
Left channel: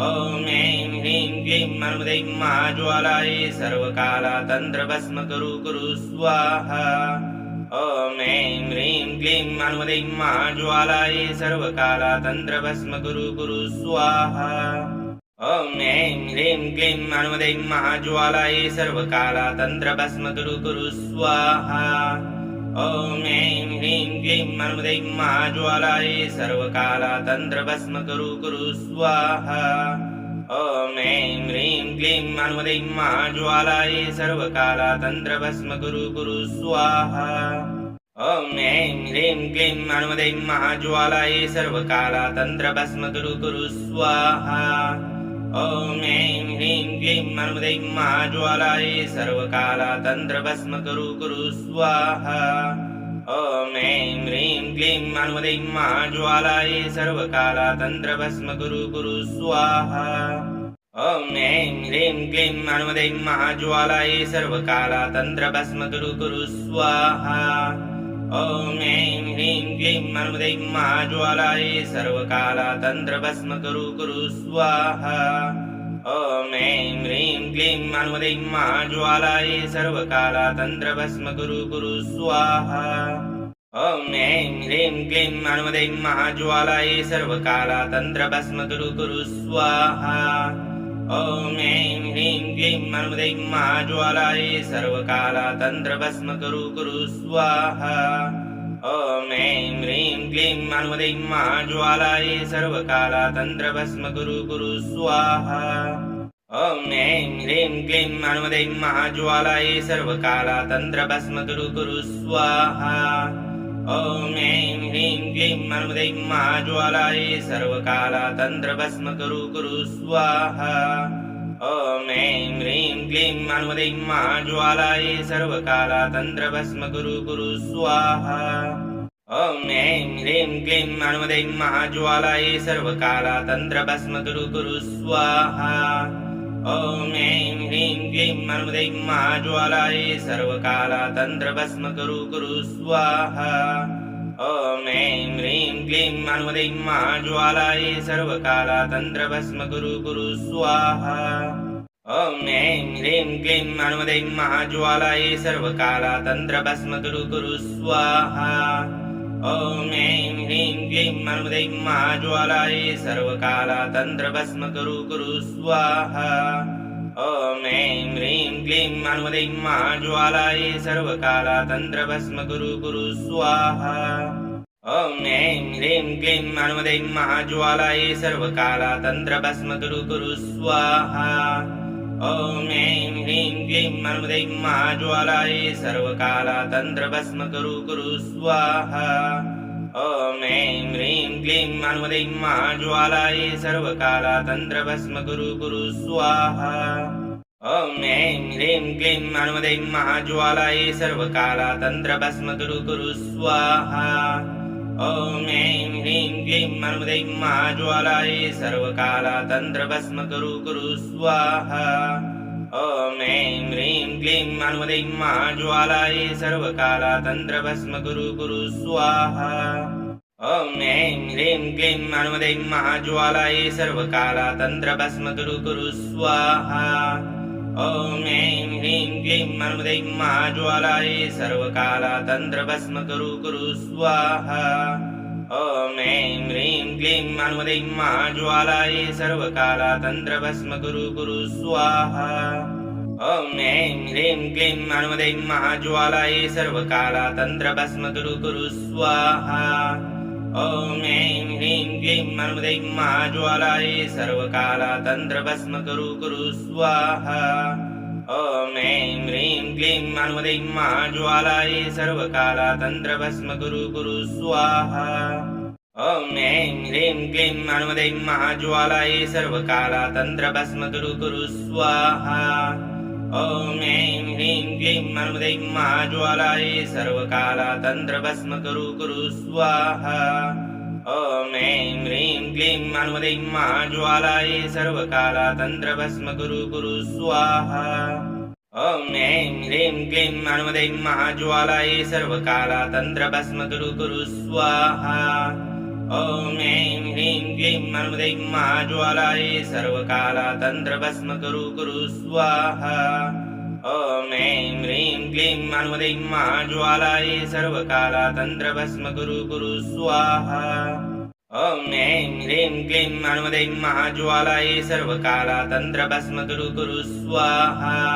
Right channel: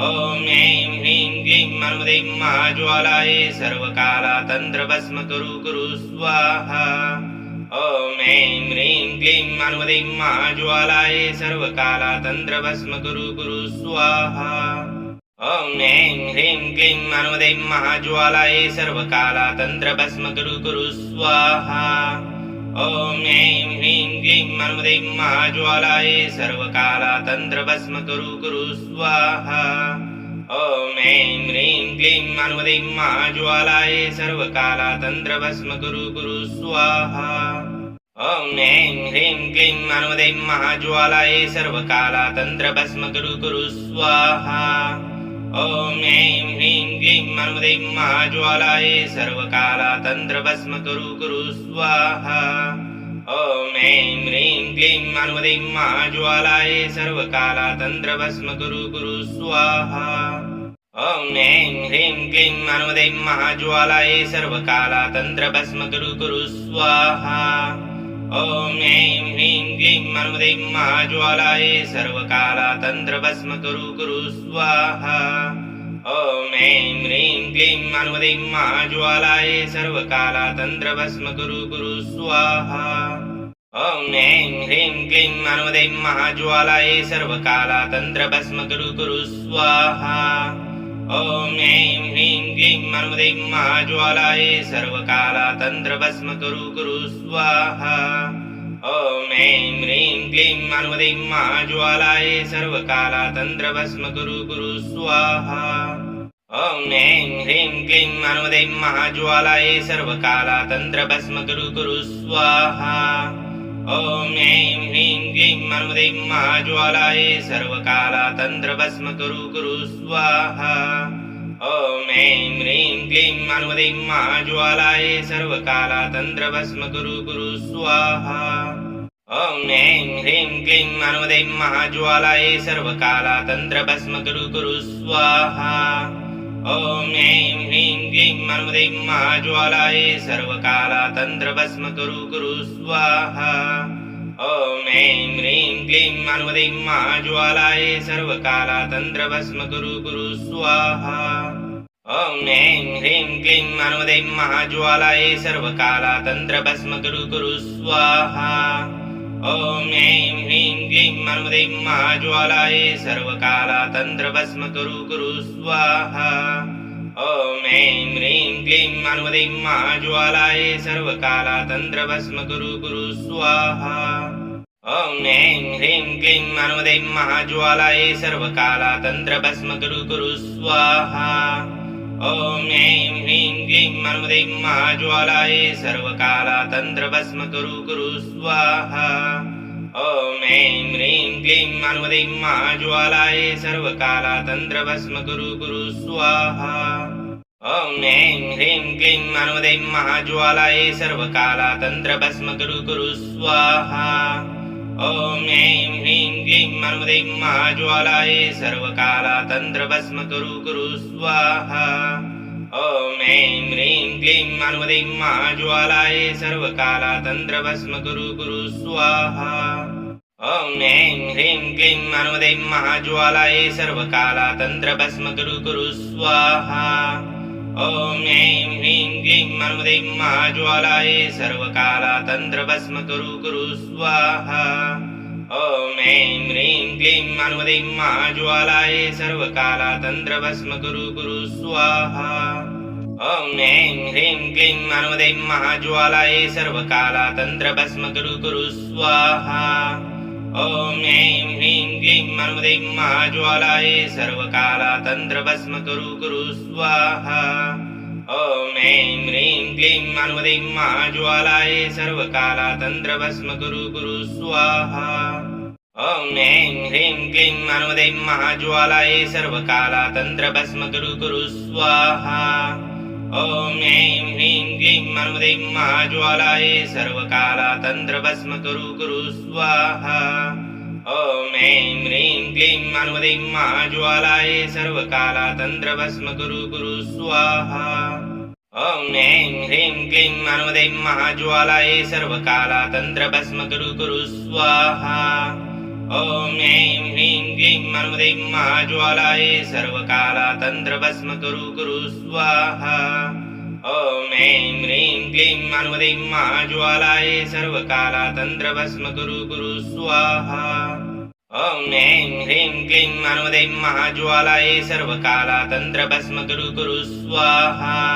ॐ ऐं ह्रीं क्लीं हनुमते महाज्वालायै सर्वकालातन्त्रभस्म कुरु स्वाहा ॐ ऐं ह्रीं क्लीं हनुमते महाज्वालायै सर्वकालातन्त्रभस्म कुरु स्वाहा ॐ ऐं ह्रीं क्लीं हनुमते महाज्वालायै सर्वकालातन्त्रभस्म कुरु स्वाहा ॐ ऐं ह्रीं क्लीं हनुमते महाज्वालायै सर्वकालातन्त्रभस्म कुरु स्वाहा ॐ ऐं ह्रीं क्लीं हनुमते महाज्वालायै सर्वकालातन्त्रभस्म कुरु स्वाहा ॐ ऐं ह्रीं क्लीं हनुमते महाज्वालायै सर्वकालातन्त्रभस्म कुरु स्वाहा ॐ ऐं ह्रीं क्लीं हनुमते महाज्वालायै सर्वकालातन्त्रभस्म कुरु स्वाहा ॐ ऐं ह्रीं क्लीं हनुमते महाज्वालायै सर्वकालातन्त्रभस्म कुरु स्वाहा ॐ ऐं ह्रीं क्लीं हनुमते महाज्वालायै सर्वकालातन्त्रभस्म कुरु स्वाहा ॐ ऐं ह्रीं क्लीं हनुमते महाज्वालायै सर्वकालातन्त्रभस्म कुरु स्वाहा ॐ ऐं ह्रीं क्लीं हनुमते महाज्वालायै सर्वकालातन्त्रभस्म कुरु स्वाहा ॐ ऐं ह्रीं क्लीं हनुमते महाज्वालायै सर्वकालातन्त्रभस्म कुरु स्वाहा ॐ ऐं ह्रीं क्लीं हनुमते महाज्वालायै सर्वकालातन्त्रभस्म कुरु स्वाहा ॐ ऐं ह्रीं क्लीं हनुमते महाज्वालायै सर्वकालातन्त्रभस्म कुरु स्वाहा ॐ ऐं ह्रीं क्लीं हनुमते महाज्वालायै सर्वकालातन्त्रभस्म कुरु स्वाहा ॐ ऐं ह्रीं क्लीं हनुमते महाज्वालायै सर्वकालातन्त्रभस्म कुरु स्वाहा ॐ ऐं ह्रीं क्लीं हनुमते महाज्वालायै सर्वकालातन्त्रभस्म कुरु स्वाहा ॐ ऐं ह्रीं क्लीं हनुमते महाज्वालायै सर्वकालातन्त्रभस्म कुरु स्वाहा ॐ ऐं ह्रीं क्लीं हनुमते महाज्वालायै सर्वकालातन्त्रभस्म कुरु स्वाहा ॐ ऐं ह्रीं क्लीं हनुमते महाज्वालायै सर्वकालातन्त्रभस्म कुरु स्वाहा ॐ ऐं ह्रीं क्लीं हनुमते महाज्वालायै सर्वकालातन्त्रभस्म कुरु स्वाहा ॐ ऐं ह्रीं क्लीं हनुमते महाज्वालायै सर्वकालातन्त्रभस्म कुरु स्वाहा ॐ ऐं ह्रीं क्लीं हनुमते महाज्वालायै सर्वकालातन्त्रभस्म कुरु स्वाहा ॐ ऐं ह्रीं क्लीं हनुमते महाज्वालायै सर्वकालातन्त्रभस्म कुरु स्वाहा ॐ ऐं ह्रीं क्लीं हनुमते महाज्वालायै सर्वकालातन्त्रभस्म कुरु स्वाहा ॐ ऐं ह्रीं क्लीं हनुमते महाज्वालायै सर्वकालातन्त्रभस्म कुरु स्वाहा ॐ ऐं ह्रीं क्लीं हनुमते महाज्वालायै सर्वकालातन्त्रभस्म कुरु स्वाहा ॐ ऐं ह्रीं क्लीं हनुमते महाज्वालायै सर्वकालातन्त्रभस्म कुरु स्वाहा ॐ ऐं ह्रीं क्लीं हनुमते महाज्वालायै सर्वकालातन्त्रभस्म कुरु स्वाहा ॐ ऐं ह्रीं क्लीं हनुमते महाज्वालायै सर्वकालातन्त्रभस्म कुरु स्वाहा ॐ ऐं ह्रीं क्लीं हनुमते महाज्वालायै सर्वकालातन्त्रभस्म कुरु स्वाहा ॐ ऐं ह्रीं क्लीं हनुमते महाज्वालायै सर्वकालातन्त्रभस्म कुरु स्वाहा ॐ ऐं ह्रीं क्लीं हनुमते महाज्वालायै सर्वकालातन्त्रभस्म कुरु स्वाहा ॐ ऐं ह्रीं क्लीं हनुमते महाज्वालायै सर्वकालातन्त्रभस्म कुरु स्वाहा ॐ ऐं ह्रीं क्लीं हनुमते महाज्वालायै सर्वकालातन्त्रभस्म कुरु स्वाहा ॐ ऐं ह्रीं क्लीं हनुमते महाज्वालायै सर्वकालातन्त्रभस्म कुरु स्वाहा ॐ ऐं ह्रीं क्लीं हनुमते महाज्वालायै सर्वकालातन्त्रभस्म कुरु स्वाहा ॐ ऐं ह्रीं क्लीं हनुमते महाज्वालायै सर्वकालातन्त्रभस्म कुरु स्वाहा ॐ ऐं ह्रीं क्लीं हनुमते महाज्वालायै सर्वकालातन्त्रभस्म कुरु स्वाहा ॐ ऐं ह्रीं क्लीं हनुमते महाज्वालायै सर्वकालातन्त्रभस्म कुरु स्वाहा ॐ ऐं ह्रीं क्लीं हनुमते महाज्वालायै सर्वकालातन्त्रभस्म कुरु स्वाहा ॐ ऐं ह्रीं क्लीं हनुमते महाज्वालायै सर्वकालातन्त्रभस्म कुरु स्वाहा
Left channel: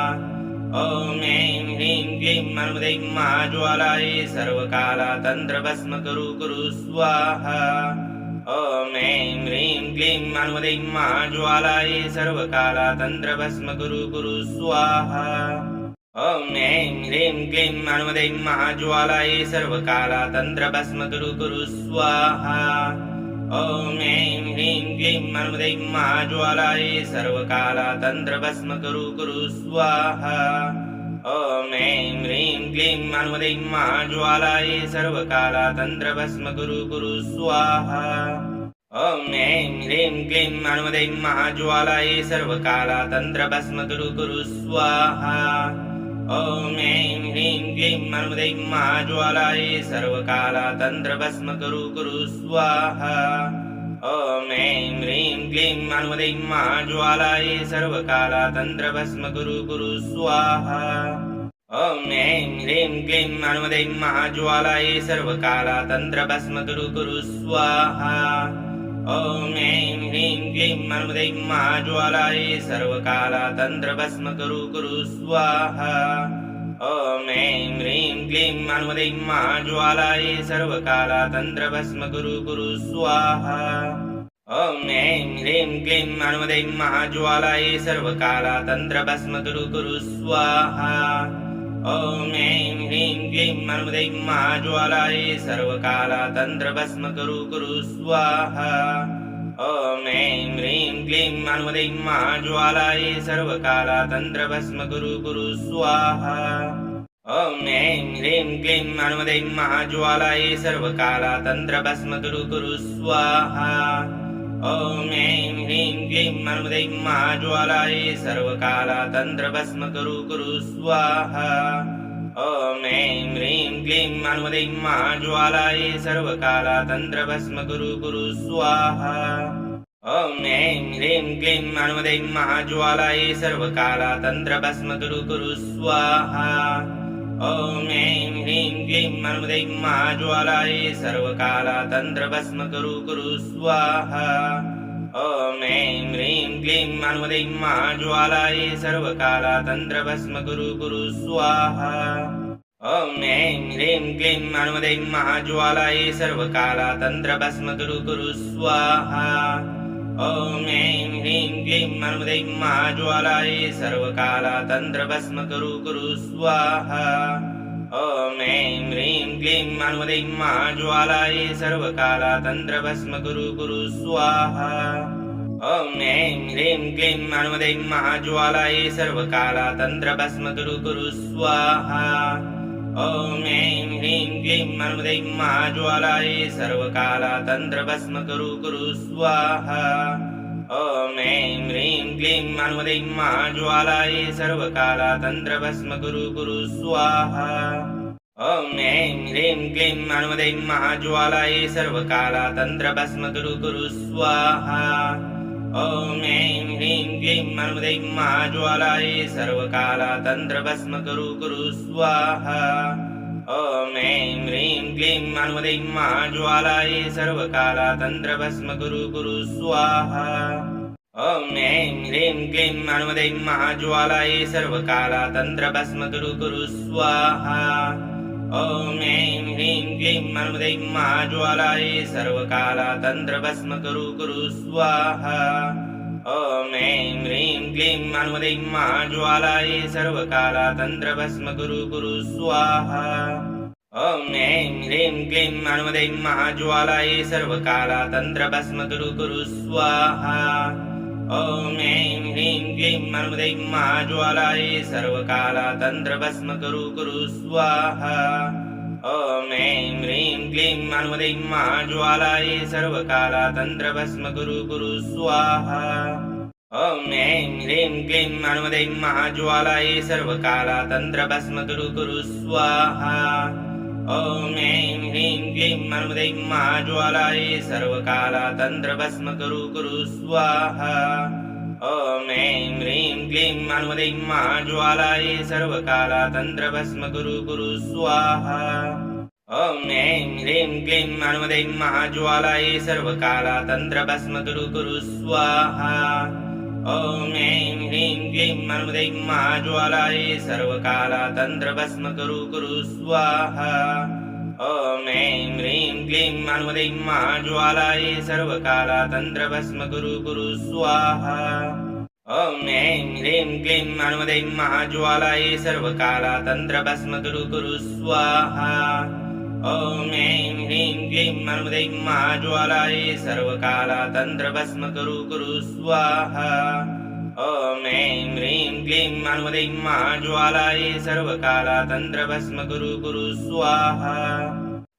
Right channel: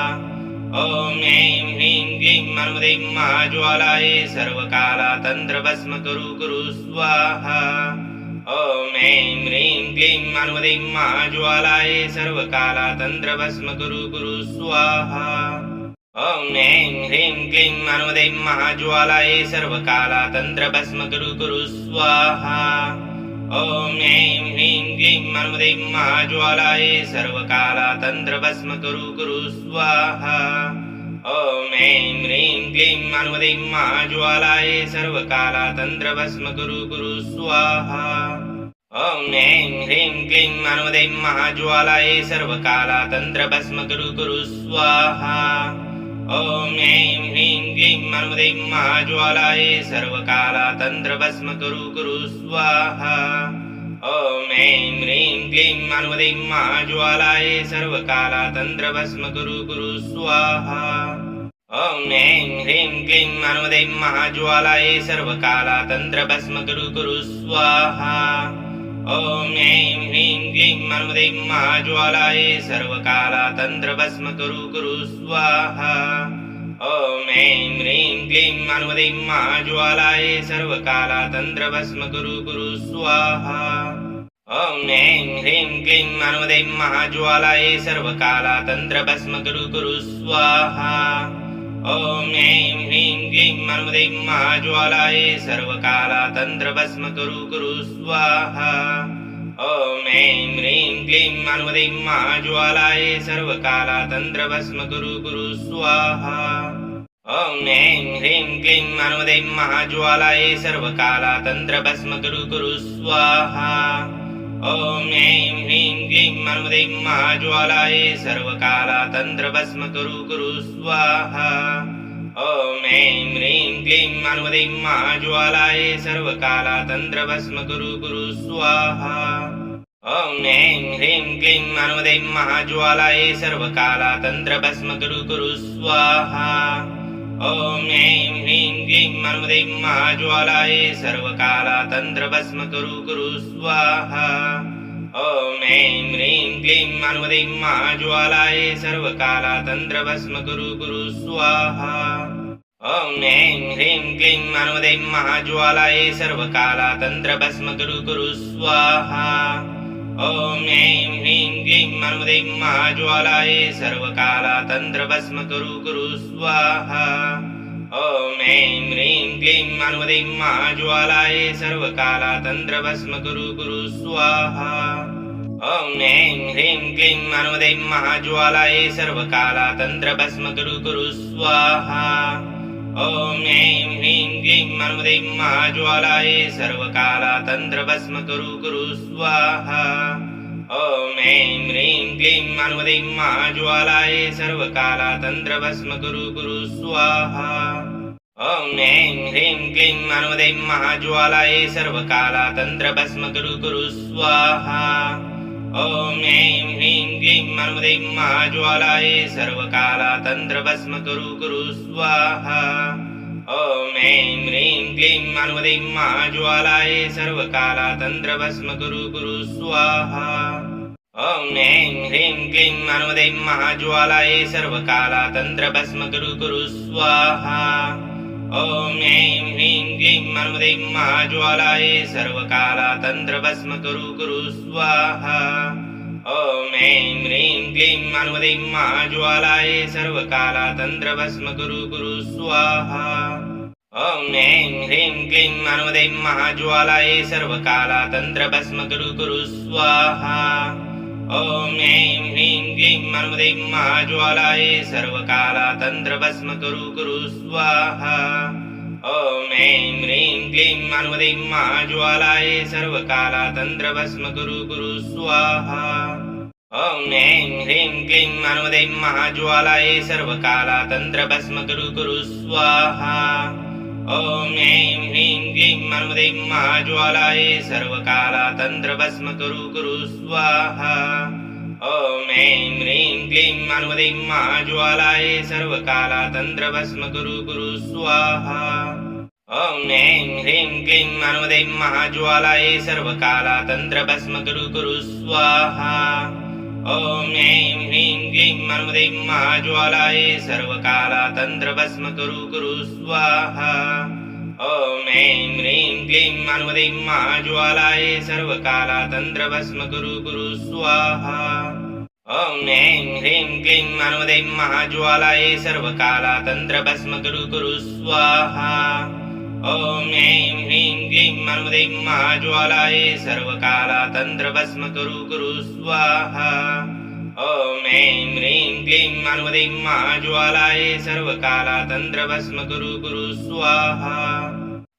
ॐ ऐं ह्रीं क्लीं हनुमते महाज्वालायै सर्वकालातन्त्रभस्म कुरु स्वाहा ॐ ऐं ह्रीं क्लीं हनुमते महाज्वालायै सर्वकालातन्त्रभस्म कुरु स्वाहा ॐ ऐं ह्रीं क्लीं हनुमते महाज्वालायै सर्वकालातन्त्रभस्म कुरु स्वाहा ॐ ऐं ह्रीं क्लीं हनुमते महाज्वालायै सर्वकालातन्त्रभस्म कुरु स्वाहा ॐ ऐं ह्रीं क्लीं हनुमते महाज्वालायै सर्वकालातन्त्रभस्म कुरु स्वाहा ॐ ऐं ह्रीं क्लीं हनुमते महाज्वालायै सर्वकालातन्त्रभस्म कुरु स्वाहा ॐ ऐं ह्रीं क्लीं हनुमते महाज्वालायै सर्वकालातन्त्रभस्म कुरु स्वाहा ॐ ऐं ह्रीं क्लीं हनुमते महाज्वालायै सर्वकालातन्त्रभस्म कुरु स्वाहा ॐ ऐं ह्रीं क्लीं हनुमते महाज्वालायै सर्वकालातन्त्रभस्म कुरु स्वाहा ॐ ऐं ह्रीं क्लीं हनुमते महाज्वालायै सर्वकालातन्त्रभस्म कुरु स्वाहा ॐ ऐं ह्रीं क्लीं हनुमते महाज्वालायै सर्वकालातन्त्रभस्म कुरु स्वाहा ॐ ऐं ह्रीं क्लीं हनुमते महाज्वालायै सर्वकालातन्त्रभस्म कुरु स्वाहा ॐ ऐं ह्रीं क्लीं हनुमते महाज्वालायै सर्वकालातन्त्रभस्म कुरु स्वाहा ॐ ऐं ह्रीं क्लीं हनुमते महाज्वालायै सर्वकालातन्त्रभस्म कुरु स्वाहा ॐ ऐं ह्रीं क्लीं हनुमते महाज्वालायै सर्वकालातन्त्रभस्म कुरु स्वाहा ॐ ऐं ह्रीं क्लीं हनुमते महाज्वालायै सर्वकालातन्त्रभस्म कुरु स्वाहा ॐ ऐं ह्रीं क्लीं हनुमते महाज्वालायै सर्वकालातन्त्रभस्म कुरु स्वाहा ॐ ऐं ह्रीं क्लीं हनुमते महाज्वालायै सर्वकालातन्त्रभस्म कुरु स्वाहा ॐ ऐं ह्रीं क्लीं हनुमते महाज्वालायै सर्वकालातन्त्रभस्म कुरु स्वाहा ॐ ऐं ह्रीं क्लीं हनुमते महाज्वालायै सर्वकालातन्त्रभस्म कुरु स्वाहा ॐ ऐं ह्रीं क्लीं हनुमते महाज्वालायै सर्वकालातन्त्रभस्म कुरु स्वाहा ॐ ऐं ह्रीं क्लीं हनुमते महाज्वालायै सर्वकालातन्त्रभस्म कुरु स्वाहा ॐ ऐं ह्रीं क्लीं हनुमते महाज्वालायै सर्वकालातन्त्रभस्म कुरु स्वाहा ॐ ऐं ह्रीं क्लीं हनुमते महाज्वालायै सर्वकालातन्त्रभस्म कुरु स्वाहा ॐ ऐं ह्रीं क्लीं हनुमते महाज्वालायै सर्वकालातन्त्रभस्म कुरु स्वाहा ॐ ऐं ह्रीं क्लीं हनुमते महाज्वालायै सर्वकालातन्त्रभस्म कुरु स्वाहा ॐ ऐं ह्रीं क्लीं हनुमते महाज्वालायै सर्वकालातन्त्रभस्म कुरु स्वाहा ॐ ऐं ह्रीं क्लीं हनुमते महाज्वालायै सर्वकालातन्त्रभस्म कुरु स्वाहा ॐ ऐं ह्रीं क्लीं हनुमते महाज्वालायै सर्वकालातन्त्रभस्म कुरु स्वाहा ॐ ऐं ह्रीं क्लीं हनुमते महाज्वालायै सर्वकालातन्त्रभस्म कुरु स्वाहा ॐ ऐं ह्रीं क्लीं हनुमते महाज्वालायै सर्वकालातन्त्रभस्म कुरु स्वाहा ॐ ऐं ह्रीं क्लीं हनुमते महाज्वालायै सर्वकालातन्त्रभस्म कुरु स्वाहा ॐ ऐं ह्रीं क्लीं हनुमते महाज्वालायै सर्वकालातन्त्रभस्म कुरु स्वाहा ॐ ऐं ह्रीं क्लीं हनुमते महाज्वालायै सर्वकालातन्त्रभस्म कुरु स्वाहा ॐ ऐं ह्रीं क्लीं हनुमते महाज्वालायै सर्वकालातन्त्रभस्म कुरु स्वाहा ॐ ऐं ह्रीं क्लीं हनुमते महाज्वालायै सर्वकालातन्त्रभस्म कुरु स्वाहा ॐ ऐं ह्रीं क्लीं हनुमते महाज्वालायै सर्वकालातन्त्रभस्म कुरु स्वाहा ॐ ऐं ह्रीं क्लीं हनुमते महाज्वालायै सर्वकालातन्त्रभस्म कुरु स्वाहा ॐ ऐं ह्रीं क्लीं हनुमते महाज्वालायै सर्वकालातन्त्रभस्म कुरु स्वाहा ॐ ऐं ह्रीं क्लीं हनुमते महाज्वालायै सर्वकालातन्त्रभस्म कुरु स्वाहा ॐ ऐं ह्रीं क्लीं हनुमते महाज्वालायै सर्वकालातन्त्रभस्म कुरु स्वाहा ॐ ऐं ह्रीं क्लीं हनुमते महाज्वालायै सर्वकालातन्त्रभस्म कुरु स्वाहा ॐ ऐं ह्रीं क्लीं हनुमते महाज्वालायै सर्वकालातन्त्रभस्म कुरु स्वाहा ॐ ऐं ह्रीं क्लीं हनुमते महाज्वालायै सर्वकालातन्त्रभस्म कुरु स्वाहा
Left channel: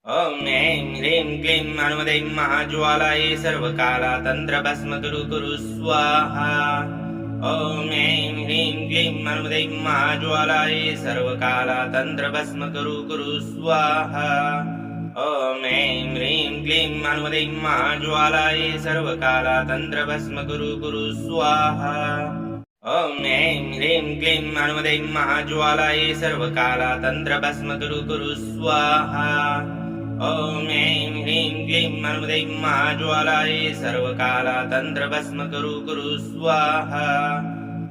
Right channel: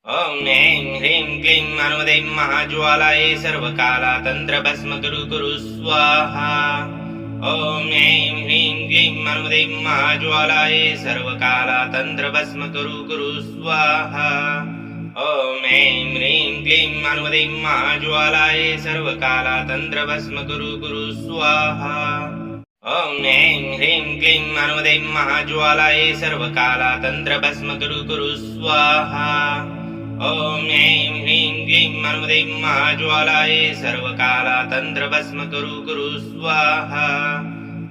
ॐ ऐं ह्रीं क्लीं हनुमते महाज्वालायै सर्वकालातन्त्रभस्म कुरु स्वाहा ॐ ऐं ह्रीं क्लीं हनुमते महाज्वालायै सर्वकालातन्त्रभस्म कुरु स्वाहा ॐ ऐं ह्रीं क्लीं हनुमते महाज्वालायै सर्वकालातन्त्रभस्म कुरु स्वाहा ॐ ऐं ह्रीं क्लीं हनुमते महाज्वालायै सर्वकालातन्त्रभस्म कुरु स्वाहा ॐ ऐं ह्रीं क्लीं हनुमते महाज्वालायै सर्वकालातन्त्रभस्म कुरु स्वाहा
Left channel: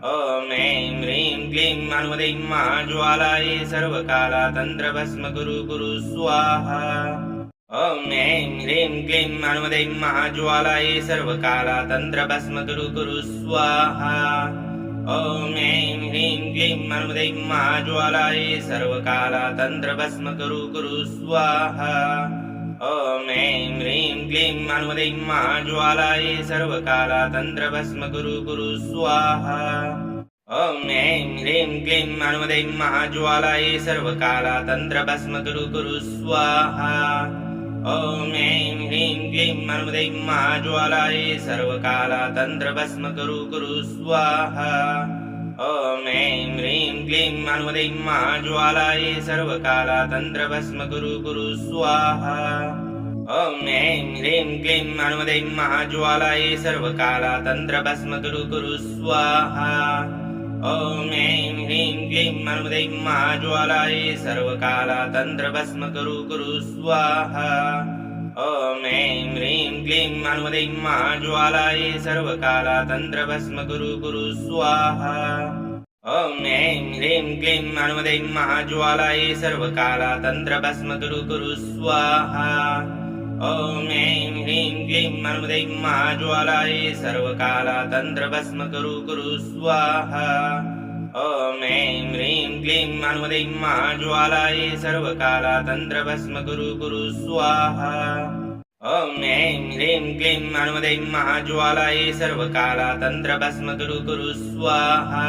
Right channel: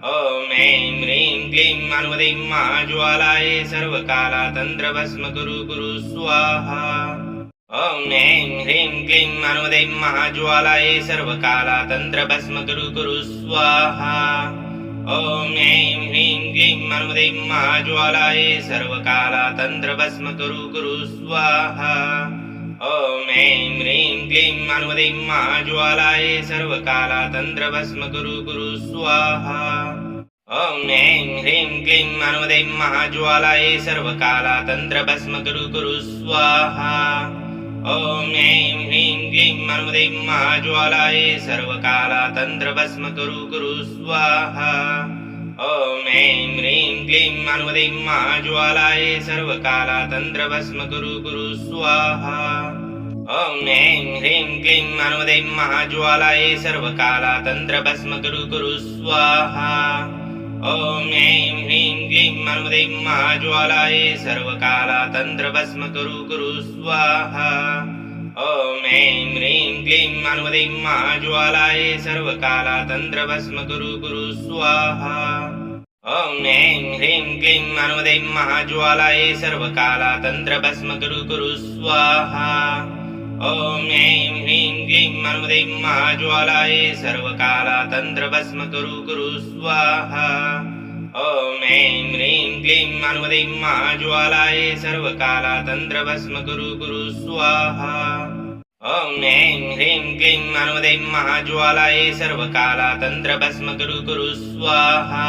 ॐ ऐं ह्रीं क्लीं हनुमते महाज्वालायै सर्वकालातन्त्रभस्म कुरु स्वाहा ॐ ऐं ह्रीं क्लीं हनुमते महाज्वालायै सर्वकालातन्त्रभस्म कुरु स्वाहा ॐ ऐं ह्रीं क्लीं हनुमते महाज्वालाय सर्वकालातन्त्रभस्म कुरु स्वाहा ॐ ऐं ह्रीं क्लीं हनुमते महाज्वालाय सर्वकालातन्त्रभस्म कुरु स्वाहा ॐ ऐं ह्रीं क्लीं हनुमते महाज्वालाय सर्वकालातन्त्रभस्म कुरु स्वाहा ॐ ऐं ह्रीं क्लीं हनुमते महाज्वालाय सर्वकालातन्त्रभस्म कुरु स्वाहा ॐ ऐं ह्रीं क्लीं हनुमते महाज्वालाय सर्वकालातन्त्रभस्म कुरु स्वाहा ॐ ऐं ह्रीं क्लीं हनुमते महाज्वालाय सर्वकालातन्त्रभस्म कुरु स्वाहा ॐ ऐं ह्रीं क्लीं हनुमते महाज्वालाय सर्वकालातन्त्रभस्म कुरु स्वाहा ॐ ऐं ह्रीं क्लीं हनुमते महाज्वालाय सर्वकालातन्त्रभस्म कुरु स्वाहा ॐ ऐं ह्रीं क्लीं हनुमते महाज्वालाय सर्वकालातन्त्रभस्म कुरु स्वाहा ॐ ऐं ह्रीं क्लीं हनुमते महाज्वालाय सर्वकालातन्त्रभस्म कुरु स्वाहा ॐ ऐं ह्रीं क्लीं हनुमते महाज्वालाय सर्वकालातन्त्रभस्म कुरु स्वाहा ॐ ऐं ह्रीं क्लीं हनुमते महाज्वालाय सर्वकालातन्त्रभस्म कुरु स्वाहा